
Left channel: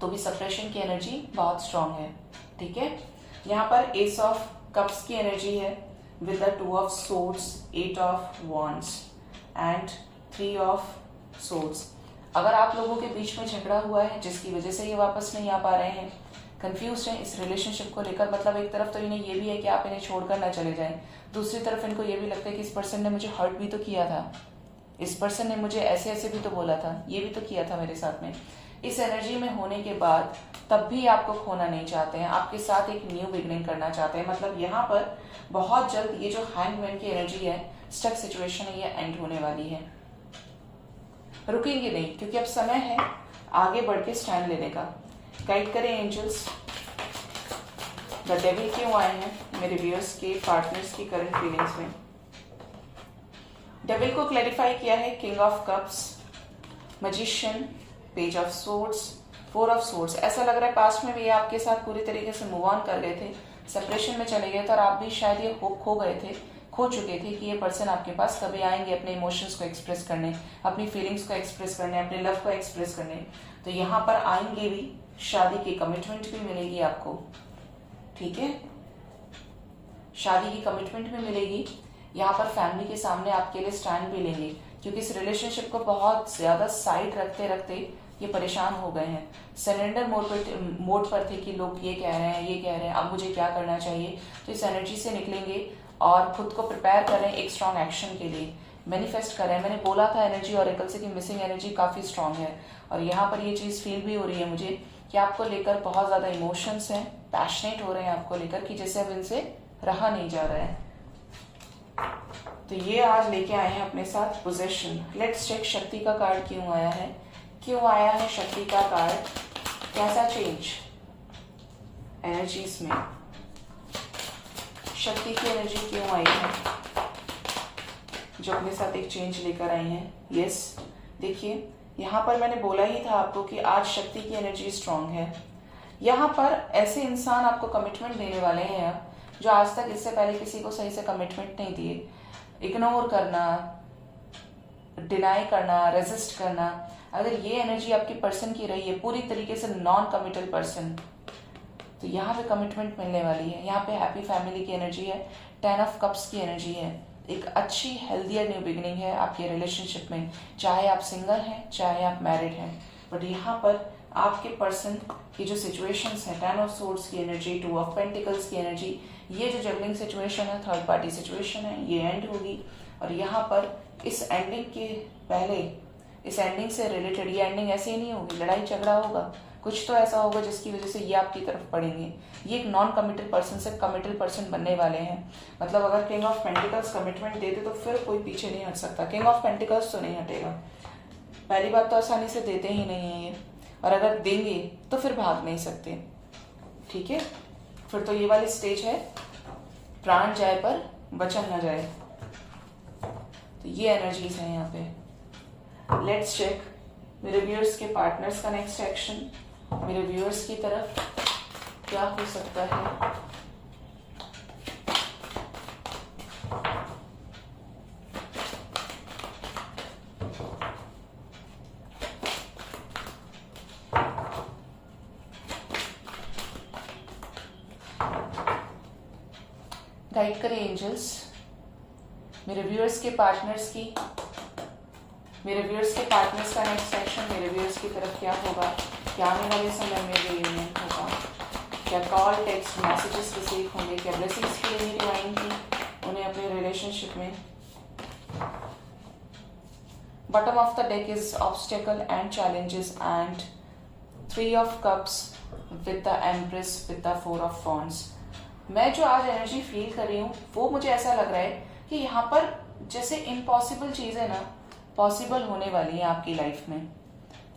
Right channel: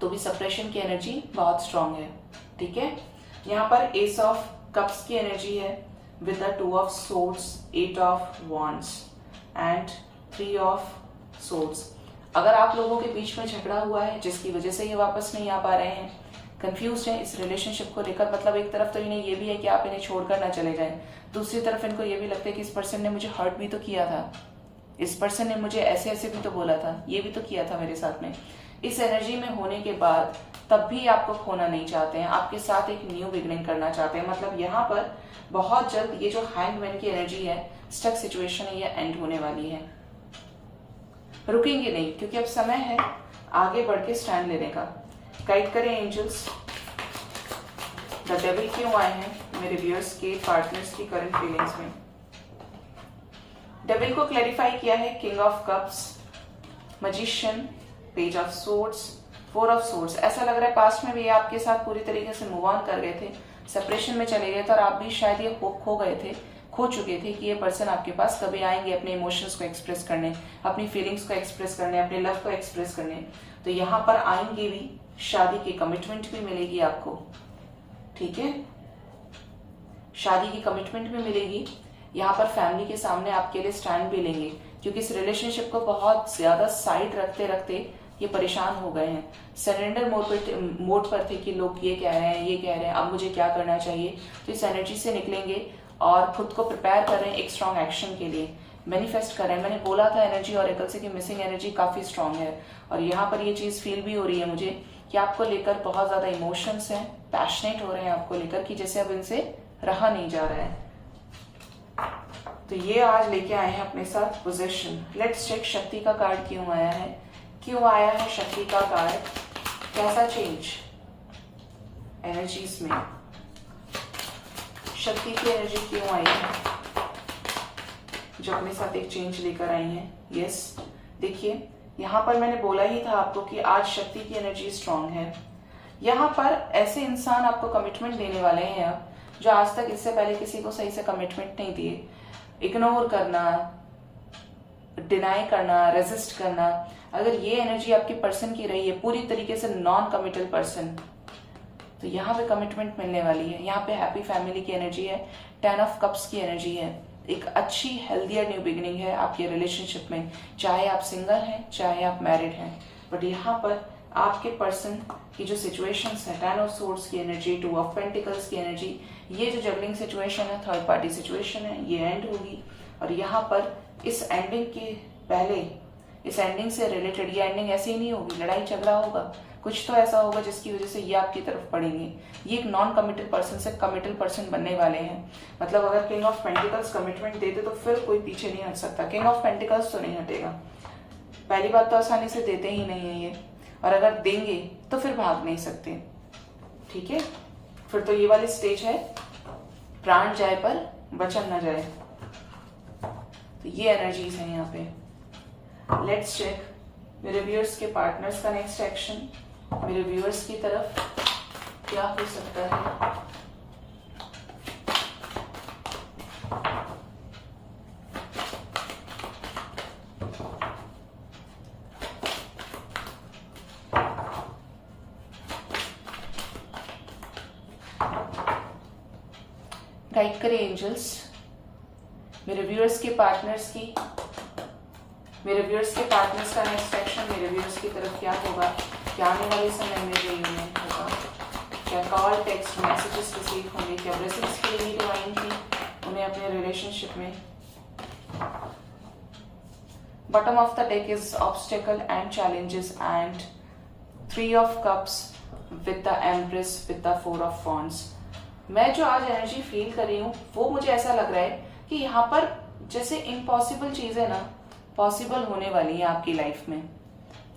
तो भी सेपरेशन की एनर्जी बहुत स्ट्रांग है। ठीक है, यहाँ पर एस ऑफ कप्स की एनर्जी है with the 2 of swords, 8 of wands and 3 of swords. अगर आप लोगों के बीच में झगड़ा हुआ है जिसकी वजह से ये वापस नहीं आ पा रहे हैं, कंफ्यूज हैं इस रिलेशनशिप को लेकर, मतलब एक तरफ तो इन्हें ये भी है कि आप इन्हें छोड़कर ना चले जाएं, दूसरी तरफ इनको ये भी लगता है कि इस पर्सन ने मुझे हर्ट भी तो किया था, इस पर्सन ने मुझे ऐसे ऐसे भी तो बोला था, ये भी तो किया था मेरे साथ में। इस एनर्जी में होने के बाद तब भी आपको खोना नहीं चाहते हैं, आपके साथ एक न्यू बिगनिंग करना चाहते हैं। मतलब यहाँ पर बहुत जल्द ये जो हैंगमैन की एनर्जी है, स्टक सिचुएशन है, ये एंड होने वाली है। रुकेंगे नहीं क्योंकि अब समय है आगे बढ़ के स्टैंड लेने का। गाइड करें एंजल्स, द डेविल क्यों आए हैं मेरे व्यूअर्स के पार्टनर्स की करंट फीलिंग्स में। डेविल को क्लैरिफाई किया है king of cups, magician, page of swords, 4 of swords. ऐसा लग रहा है पास्ट में भी ये आपके साथ पूरी तरीके से मूव ऑन कर गए थे, सेपरेशन में चले गए थे और आप भी शायद ये होप खो गए थे, खो चुके थे कि ये पर्सन आपके पास कभी आएंगे अपने इमोशंस को एक्सप्रेस करने, अपनी फीलिंग्स को एक्सप्रेस करने, अपने लव को एक्सप्रेस करने। तो यहाँ पर आएंगे भी, शादी की कमिटमेंट भी मिलेगी आपको। ठीक है, शादी की कमिटमेंट भी मिलेगी। यहाँ पर फैमिली के सामने आपके लिए स्टैंड भी लेंगे क्योंकि इस रिलेशनशिप को बहुत ज्यादा साइड रखते रखते ये परेशान हो गए हैं। सरेंडर मोड पर थे कि लोग ये कह रहे हैं, ये कह रहे हैं, अब मुझे क्या करना चाहिए। तो इस एनर्जी से निकलेंगे और खुद को प्रिपेयर कर रहे हैं एक स्ट्रॉन्ग एक्शन के लिए, मैनिफेस्ट कर रहे हैं। मैंने बोला था एनर्जी ऑरेकल से कि मिसिंग एनर्जी काफी स्ट्रांग है और यहाँ पर ये चीज फील भी हो रही है मुझे कि आपको लेकर बहुत ज्यादा इमोशंस हैं, पैशनेट हो रहे हैं आपको लेकर कि जैसे अब इनसे रहा नहीं जा रहा है। तो ये आज लेके आए हैं अपने साथ पोजेशन। लेट्स चेक शक्ति का कार्ड क्यों आया है, क्यों आया है शक्ति का कार्ड, कैसा चेंज एनर्जीज में, शक्ति की एनर्जी क्यों आई है जो अपने साथ एक चेंज लेकर आई है। यस, देखिए यहाँ पर मैंने बोला ही था आपको कि आज शक्ति की एनर्जी स्ट्रांग है। यहाँ पर ऐसे इंसान आपको कमिटमेंट देने वाले हैं जो आज तक इससे पहले किसी को सही से कमिटमेंट नहीं दिए। इग्नोर करना, डिनाई करना, रेजिस्ट करना, अगर ये एनर्जी आपकी पर्सन की रही है पूरी तरीके से नॉन कमिटल पर्सन, तो यहाँ पे कमिटमेंट मिलने वाली है। यहाँ पे हैप्पी फैमिली की एनर्जी है, 10 ऑफ कप्स की एनर्जी है, एक अच्छी हेल्दियर न्यू बिगिनिंग है आपके रिलेशनशिप में, चाहे आप सिंगल हैं चाहे आप मैरिड हैं। बट यहाँ पर आपके पर्सन की जो सिचुएशंस है, 10 ऑफ सोर्ड्स की एनर्जी, 2 ऑफ पेंटिकल्स की एनर्जी, ये जो जगलिंग सिचुएशन है, थर्ड पार्टी सिचुएशन है, ये एंड होगी। और यहाँ पर इस एंडिंग के पहले, इस एंडिंग से रिलेटेड, ये एंडिंग ऐसी ही नहीं होगी, लड़ाई झगड़ा होगा, कुछ तो ऐसा होगा जिसकी वजह से ये आपकी तरफ पड़ेंगे। ये एक नॉन कमिटेड पर्सन से कमिटेड पर्सन बनने वाले हैं। मतलब अगर किंग ऑफ पेंटिकल्स कमिटमेंट देते तो फिर कोई पीछे नहीं हट सकता। किंग ऑफ पेंटिकल्स तो नहीं हटेगा, पहली बात तो आसानी से देते ही नहीं है ये, और अगर देंगे तो फिर भाग नहीं सकते। ठीक है, फिर तो ये वाली स्टेज है प्राण जाए पर वचन न जाए। तो ये एनर्जीज है यहाँ पे। लेट्स चेक मेरे व्यूअर्स के पार्टनर्स का नेक्स्ट एक्शन मेरे व्यूअर्स की तरफ क्या हो सकता है। गाइड करें एंजल्स मेरे व्यूअर्स के पार्टनर्स की, मेरे व्यूअर्स के पार्टनर्स का नेक्स्ट एक्शन मेरे व्यूअर्स की तरफ क्या होगा, क्या आने वाले समय में रियूनियन होगा, क्या कॉल, टेक्स्ट, मैसेजेस रिसीव होंगे, क्या ब्लेसिंग्स के लिए डिवाइन की उन्हें अपने रिलेशनशिप में। Bottom of the deck is obstacle and challenges and 3 of cups with the empress with the 4 of wands. मैं जो आज एनर्जी फील कर रही हूँ वो मुझे ऐसा लग रहा है कि यहाँ पर जैसे इम्पॉसिबल चीजें ना पॉसिबल होने वाली है आपकी लाइफ में।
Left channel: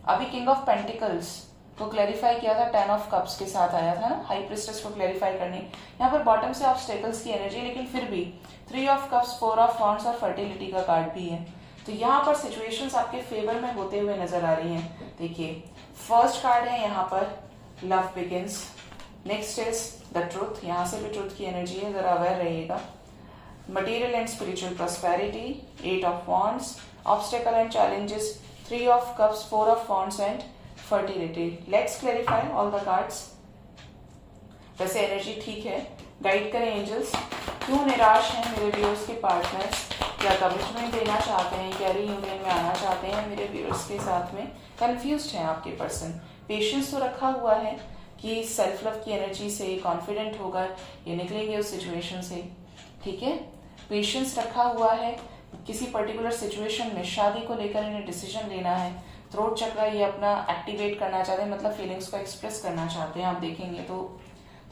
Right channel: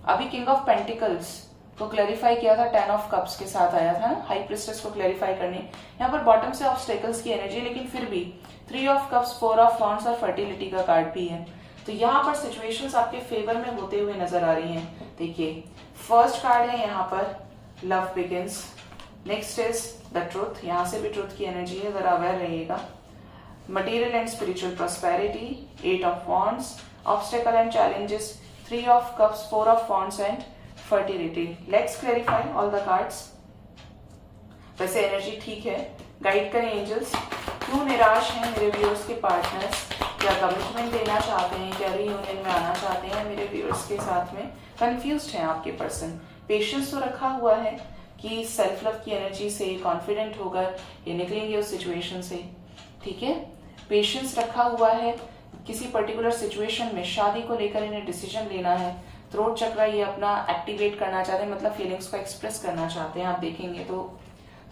अभी किंग ऑफ पेंटिकल्स को क्लैरिफाई किया था, 10 ऑफ कप्स के साथ आया था ना, हाई प्रिस्टेस को क्लैरिफाई करने। यहाँ पर बॉटम से ऑब्स्टेकल्स की एनर्जी, लेकिन फिर भी 3 ऑफ कप्स, 4 ऑफ वॉन्ड्स और फर्टिलिटी का कार्ड भी है। तो यहाँ पर सिचुएशंस आपके फेवर में होते हुए नजर आ रही हैं। देखिए फर्स्ट कार्ड है यहाँ पर love begins, next is the truth, यहाँ से भी ट्रूथ की एनर्जी है, जरा अवेयर रहिएगा। Material and spiritual prosperity, 8 of wands, obstacle and challenges, 3 of cups, 4 of wands and fertility. Let's clarify all the cards. वैसे एनर्जी ठीक है, गाइड करें एंजल्स। क्यों निराश हैं मेरे व्यूअर्स के पार्टनर्स? क्या कमिटमेंट देना चाहते हैं? क्या रीयूनियन में आना चाहते हैं मेरे व्यूअर्स के साथ में? कंफ्यूज्ड हैं आपके पर्सन। पेशेंस तो रखा हुआ है कि सेल्फ लव की एनर्जी से कॉन्फिडेंट होकर ये निकलेंगे उस सिचुएशन से, ठीक है। पेशेंस रखा हुआ है, किसी पर्टिकुलर सिचुएशन में शादी को लेकर इन्हें डिसीजन लेना है। थ्रोट चक्र ये अपना एक्टिवेट करना चाहते हैं, मतलब फीलिंग्स को एक्सप्रेस करना चाहते हैं। आप देखेंगे तो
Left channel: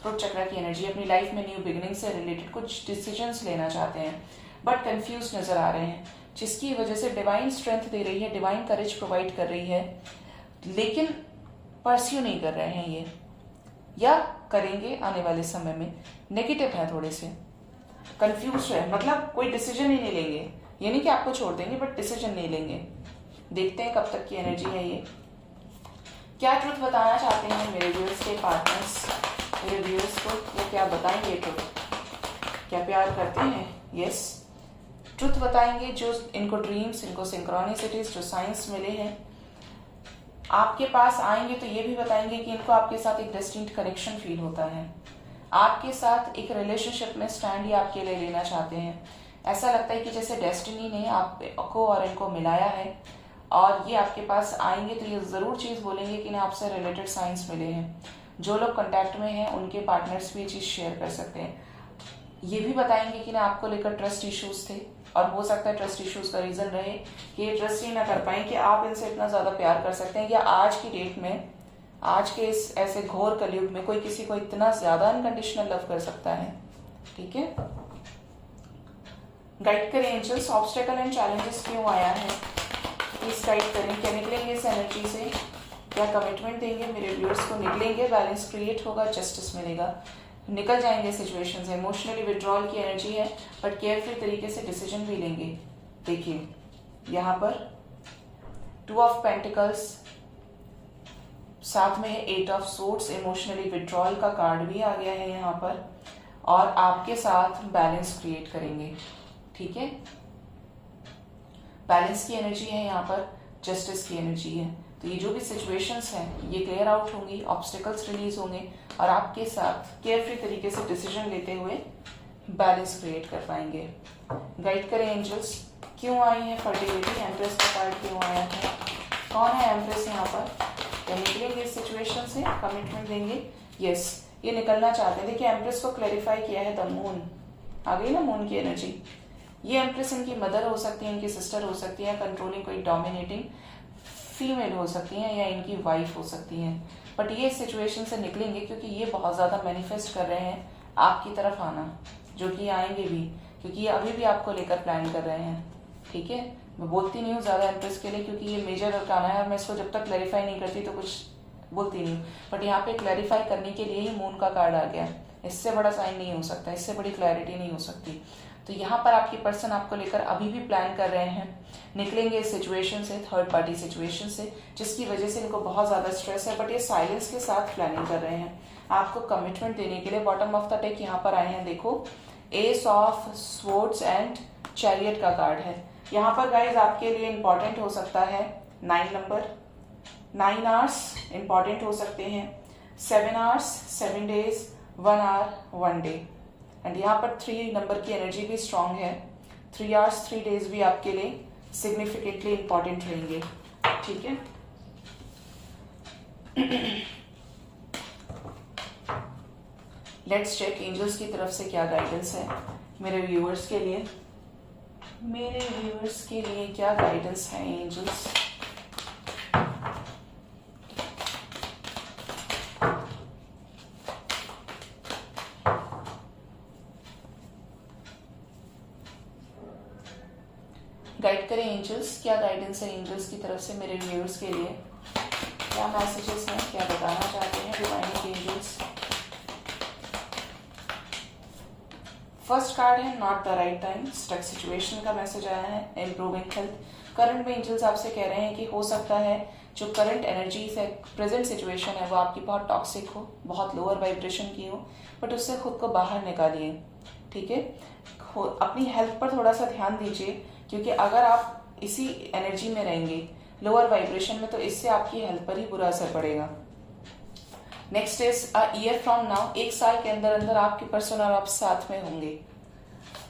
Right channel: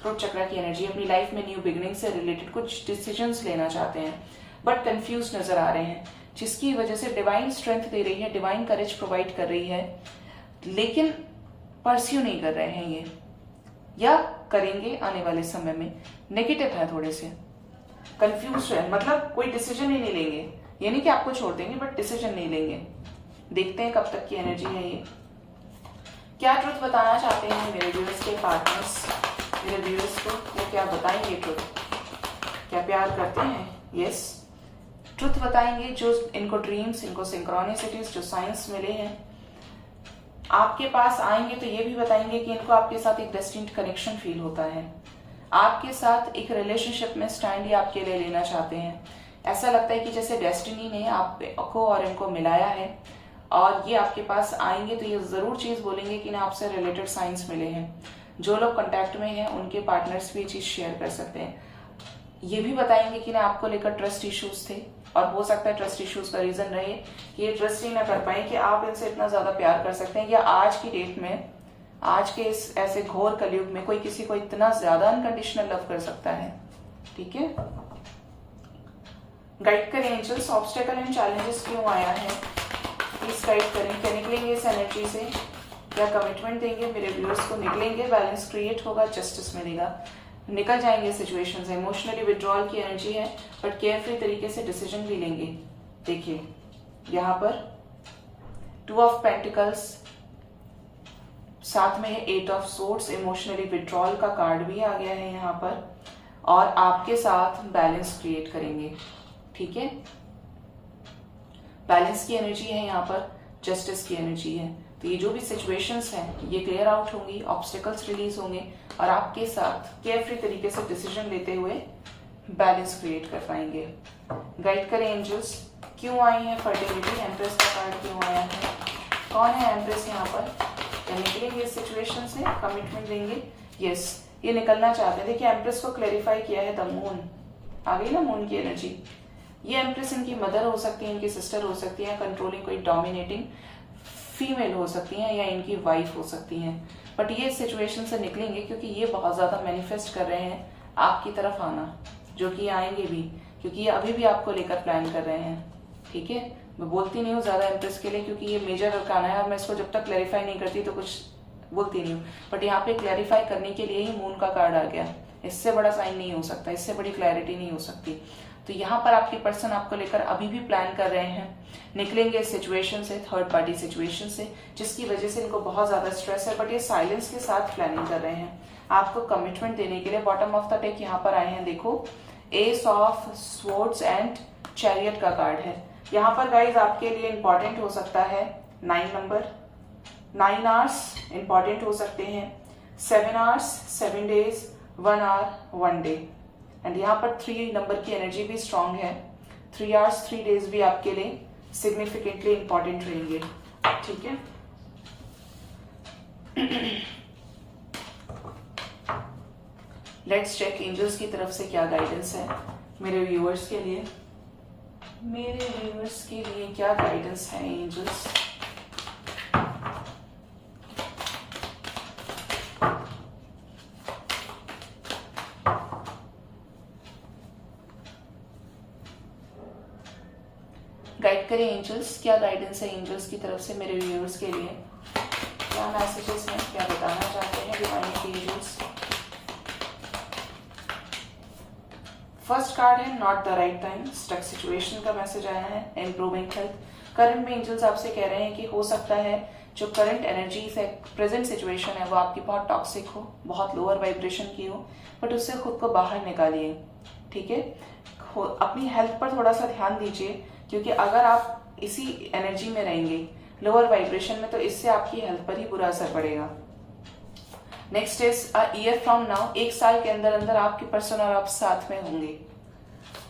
थ्रोट चक्र की एनर्जी अपनी लाइफ में न्यू बिगिनिंग से रिलेटेड कुछ डिसीजंस लेना चाहते हैं, बट कंफ्यूज नजर आ रहे हैं, जिसकी वजह से डिवाइन स्ट्रेंथ दे रही है, डिवाइन करेज प्रोवाइड कर रही है, लेकिन परस्यू नहीं कर रहे हैं ये, या करेंगे आने वाले समय में। नेगेटिव है, थोड़े से कंफ्यूज है, मतलब कोई डिसीजन ही नहीं लेंगे। ये नहीं कि आपको छोड़ देंगे, बट डिसीजन नहीं लेंगे। देखते हैं कब तक की एनर्जी है ये। क्या ट्रुथ बताना चाहते हैं मेरे व्यूअर्स के पार्टनर्स? मेरे व्यूअर्स को वो क्या बताएंगे ट्रुथ? क्या प्यार करते हैं? यस, ट्रुथ बताएंगे। जो इनको ड्रीम्स, इनको सिंक्रोनिसिटीज, जो साइंस मिले हैं, आपके पास आएंगे तो ये भी बताएंगे कि इनको आपके साथ एक डेस्टिन्ड कनेक्शन फील होता है। आपके साथ एक रिलेशनशिप में स्टैंड ये आपके लिए लेना चाहते हैं। ऐसा लगता है कि जैसे डेस्टिनी ने आपको और इनको मिलाया है, और ये आपके पास आएंगे तो ये जरूर चीज बोलेंगे कि ना आपसे रिलेटेड साइंस मिले हैं। जो लोग कांटेक्ट में हैं उनके पार्टनर्स भी ये चीज शेयर कर सकते हैं। ये भी बताएंगे कि ना आपको लेकर ट्रस्ट इश्यूज थे, और हो सकता है ट्रस्ट इश्यूज का रीजन रहे कि ये ट्रस्ट ही ना कर पाए कि आप इनसे इतना ज्यादा प्यार कर सकते हैं, या आज की डेट में, आज के इस ऐसे घोर कलयुग में कोई किसी को इतना ज्यादा अनकंडीशनल लव कर सकता है, ठीक है। गाइड करें एंजल्स, ऑब्स्टेकल एंड चैलेंजेस क्यों आया है, प्लीज गाइड करें। क्या निकलेंगे इस एनर्जी से? क्या कमिटमेंट देंगे मेरे व्यूअर्स को? निकलेंगे, बैलेंस क्रिएट होगा, जस्टिस मिलेगा, निकल जाएंगे सिचुएशन से। इमोशनली विड्रॉल की एनर्जी है, बट केयरफुल तरीके से डिसीजन भी लेंगे। देखिए यहाँ पर 2 ऑफ पेंटिकल्स, साथ में है 8 ऑफ सोर्ड्स। इमोशनली विड्रॉल का कार्ड भी आ गया है यहाँ पर, और आपके साथ बैलेंस क्रिएट करेंगे, ठीक है। बैलेंस की एनर्जी है यहाँ पर, जस्टिस की एनर्जी है। तो ये जो भी सिचुएशंस हैं ये क्लियर आउट होंगी, ऑब्स्टिकल्स रिलीज होंगे, और आपके साथ केयरफ्री तरीके से डिसीजन लेते हुए बैलेंस क्रिएट कर पाएंगे। गाइड करें एंजल्स, क्यों आई है फर्टिलिटी? एम्प्रेस का कार्ड क्यों आया है? कौन है एम्प्रेस यहाँ पर? क्या निकलेंगे इस सिचुएशन से? कमिटमेंट देंगे? यस, ये निकलना चाहते हैं। देखिए एम्प्रेस को क्लैरिफाई किया है द मून, आ गई ना मून की एनर्जी। ये एम्प्रेस इनकी मदर हो सकती है, इनकी सिस्टर हो सकती है, कंट्रोलिंग कोई डोमिनेटिंग फीमेल हो सकती हैं, या इनकी वाइफ हो सकती हैं। बट ये सिचुएशन से निकलेंगे क्योंकि ये बहुत ज्यादा मैनिफेस्ट कर रहे हैं आपकी तरफ आना, जो कि आएंगे भी, क्योंकि ये अभी भी आपको लेकर प्लान कर रहे हैं, ठीक है। मैं बोलती नहीं हूँ ज्यादा एम्प्रेस के लिए, क्योंकि ये मेजर अरकाना है और मैं इसको जब तक क्लैरिफाई नहीं करती तो कुछ बोलती नहीं हूँ। बट यहाँ पे क्लैरिफाई करने के लिए ही मून का कार्ड आ गया। इससे बड़ा साइन नहीं हो सकता, इससे बड़ी क्लैरिटी नहीं हो सकती। तो यहाँ पर आपके पर्सन आपको लेकर अभी भी प्लान कर रहे हैं, निकलेंगे इस सिचुएशन से, थर्ड पार्टी सिचुएशन से, जिसकी वजह से इनको बहुत ज्यादा स्ट्रेस है, बट ये साइलेंस के साथ प्लानिंग कर रहे हैं आपको कमिटमेंट देने के लिए। बॉटम ऑफ द डेक यहाँ पर आए हैं, देखो S of swords and chariot का कार्ड है। यहाँ पर गाइज आपके लिए इंपॉर्टेंट हो सकता है 9 नंबर, 9 आवर्स इंपॉर्टेंट हो सकते हैं, 7 hours, 7 days, 1 hour, 1 day. And यहाँ पर 3 नंबर की एनर्जी भी स्ट्रांग है। 3 आवर्स, 3 डेज भी आपके लिए सिग्निफिकेंटली इंपॉर्टेंट रहेंगे, ठीक है। लेट्स चेक एंजल्स की तरफ से क्या गाइडेंस है मेरे व्यूअर्स के लिए। मेरे व्यूअर्स के लिए क्या गाइडेंस है एंजल्स? गाइड करें एंजल्स, क्या गाइडेंस है एंजल्स की तरफ से मेरे व्यूअर्स के लिए? क्या मैसेजेस हैं, क्या बताना चाहते हैं डिवाइन एंजल्स? फर्स्ट कार्ड है not the right time, stuck situation का मैसेज आया है, इंप्रूविंग हेल्थ। करंट में एंजल्स आपसे कह रहे हैं कि हो सकता है जो करंट एनर्जी है, प्रेजेंट सिचुएशन है, वो आपकी बहुत टॉक्सिक हो, बहुत लोअर वाइब्रेशन की हो, बट उससे खुद को बाहर निकालिए, ठीक है। अपनी हेल्थ पर थोड़ा सा ध्यान दीजिए, क्योंकि अगर आप इसी एनर्जी में रहेंगे लोअर वाइब्रेशन में, तो इससे आपकी हेल्थ पर ही बुरा असर पड़ेगा। Next is a year from now, 1 साल के अंदर अंदर आपके पर्सन और आप साथ में होंगे।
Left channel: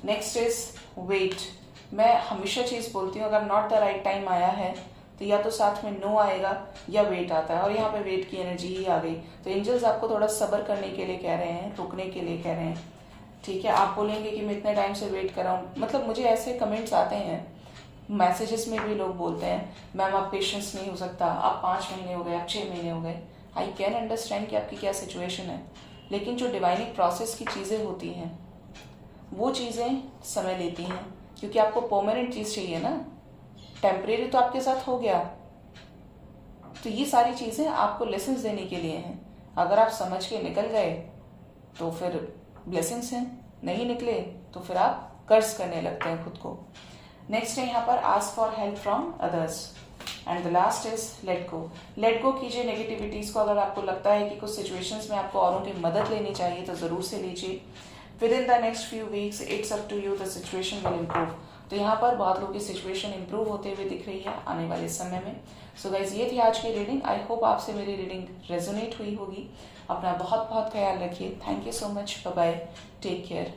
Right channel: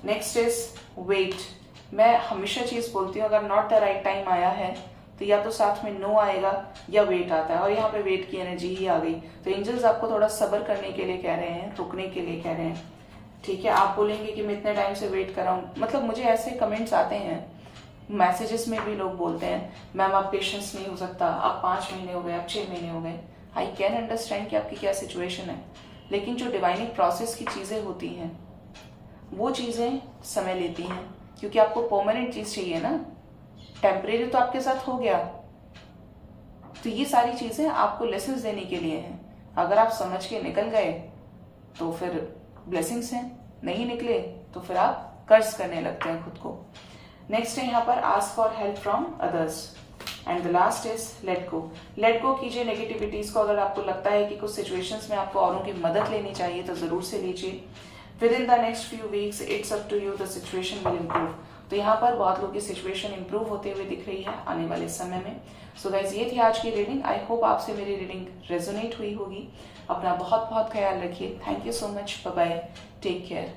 नेक्स्ट इज वेट, मैं हमेशा चीज बोलती हूँ अगर नॉट द राइट टाइम आया है तो या तो साथ में नो आएगा या वेट आता है, और यहाँ पे वेट की एनर्जी ही आ गई। तो एंजल्स आपको थोड़ा सब्र करने के लिए कह रहे हैं, रुकने के लिए कह रहे हैं, ठीक है। आप बोलेंगे कि मैं इतने टाइम से वेट कर रहा हूँ, मतलब मुझे ऐसे कमेंट्स आते हैं, मैसेजेस में भी लोग बोलते हैं मैम आप पेशेंस नहीं हो सकता, आप 5 महीने हो गए, आप 6 महीने हो गए। आई कैन अंडरस्टैंड कि आपकी क्या सिचुएशन है, लेकिन जो डिवाइनिंग प्रोसेस की चीजें होती हैं वो चीजें समय लेती हैं, क्योंकि आपको परमानेंट चीज चाहिए ना, टेम्परेरी तो आपके साथ हो गया। तो ये सारी चीजें आपको लेसन्स देने के लिए हैं। अगर आप समझ के निकल गए तो फिर ब्लेसिंग्स हैं, नहीं निकले तो फिर आप कर्ज करने लगते हैं खुद को। नेक्स्ट है यहाँ पर ask for help from others, and the last is let go. Let go कीजिए नेगेटिविटीज को। अगर आपको लगता है कि कुछ सिचुएशंस में आपको औरों की मदद लेनी चाहिए तो जरूर से लीजिए। Within the next few weeks it's up to you, the situation will improve. तो यहाँ पर बहुत लोगों की सिचुएशन इंप्रूव होते हुए दिख रही है आने वाले समय में। सो गाइस, ये थी आज की रीडिंग। आई होप आपसे मेरी रीडिंग रेजोनेट हुई होगी। अपना बहुत बहुत ख्याल रखिए। Thank you so much, bye bye, take care.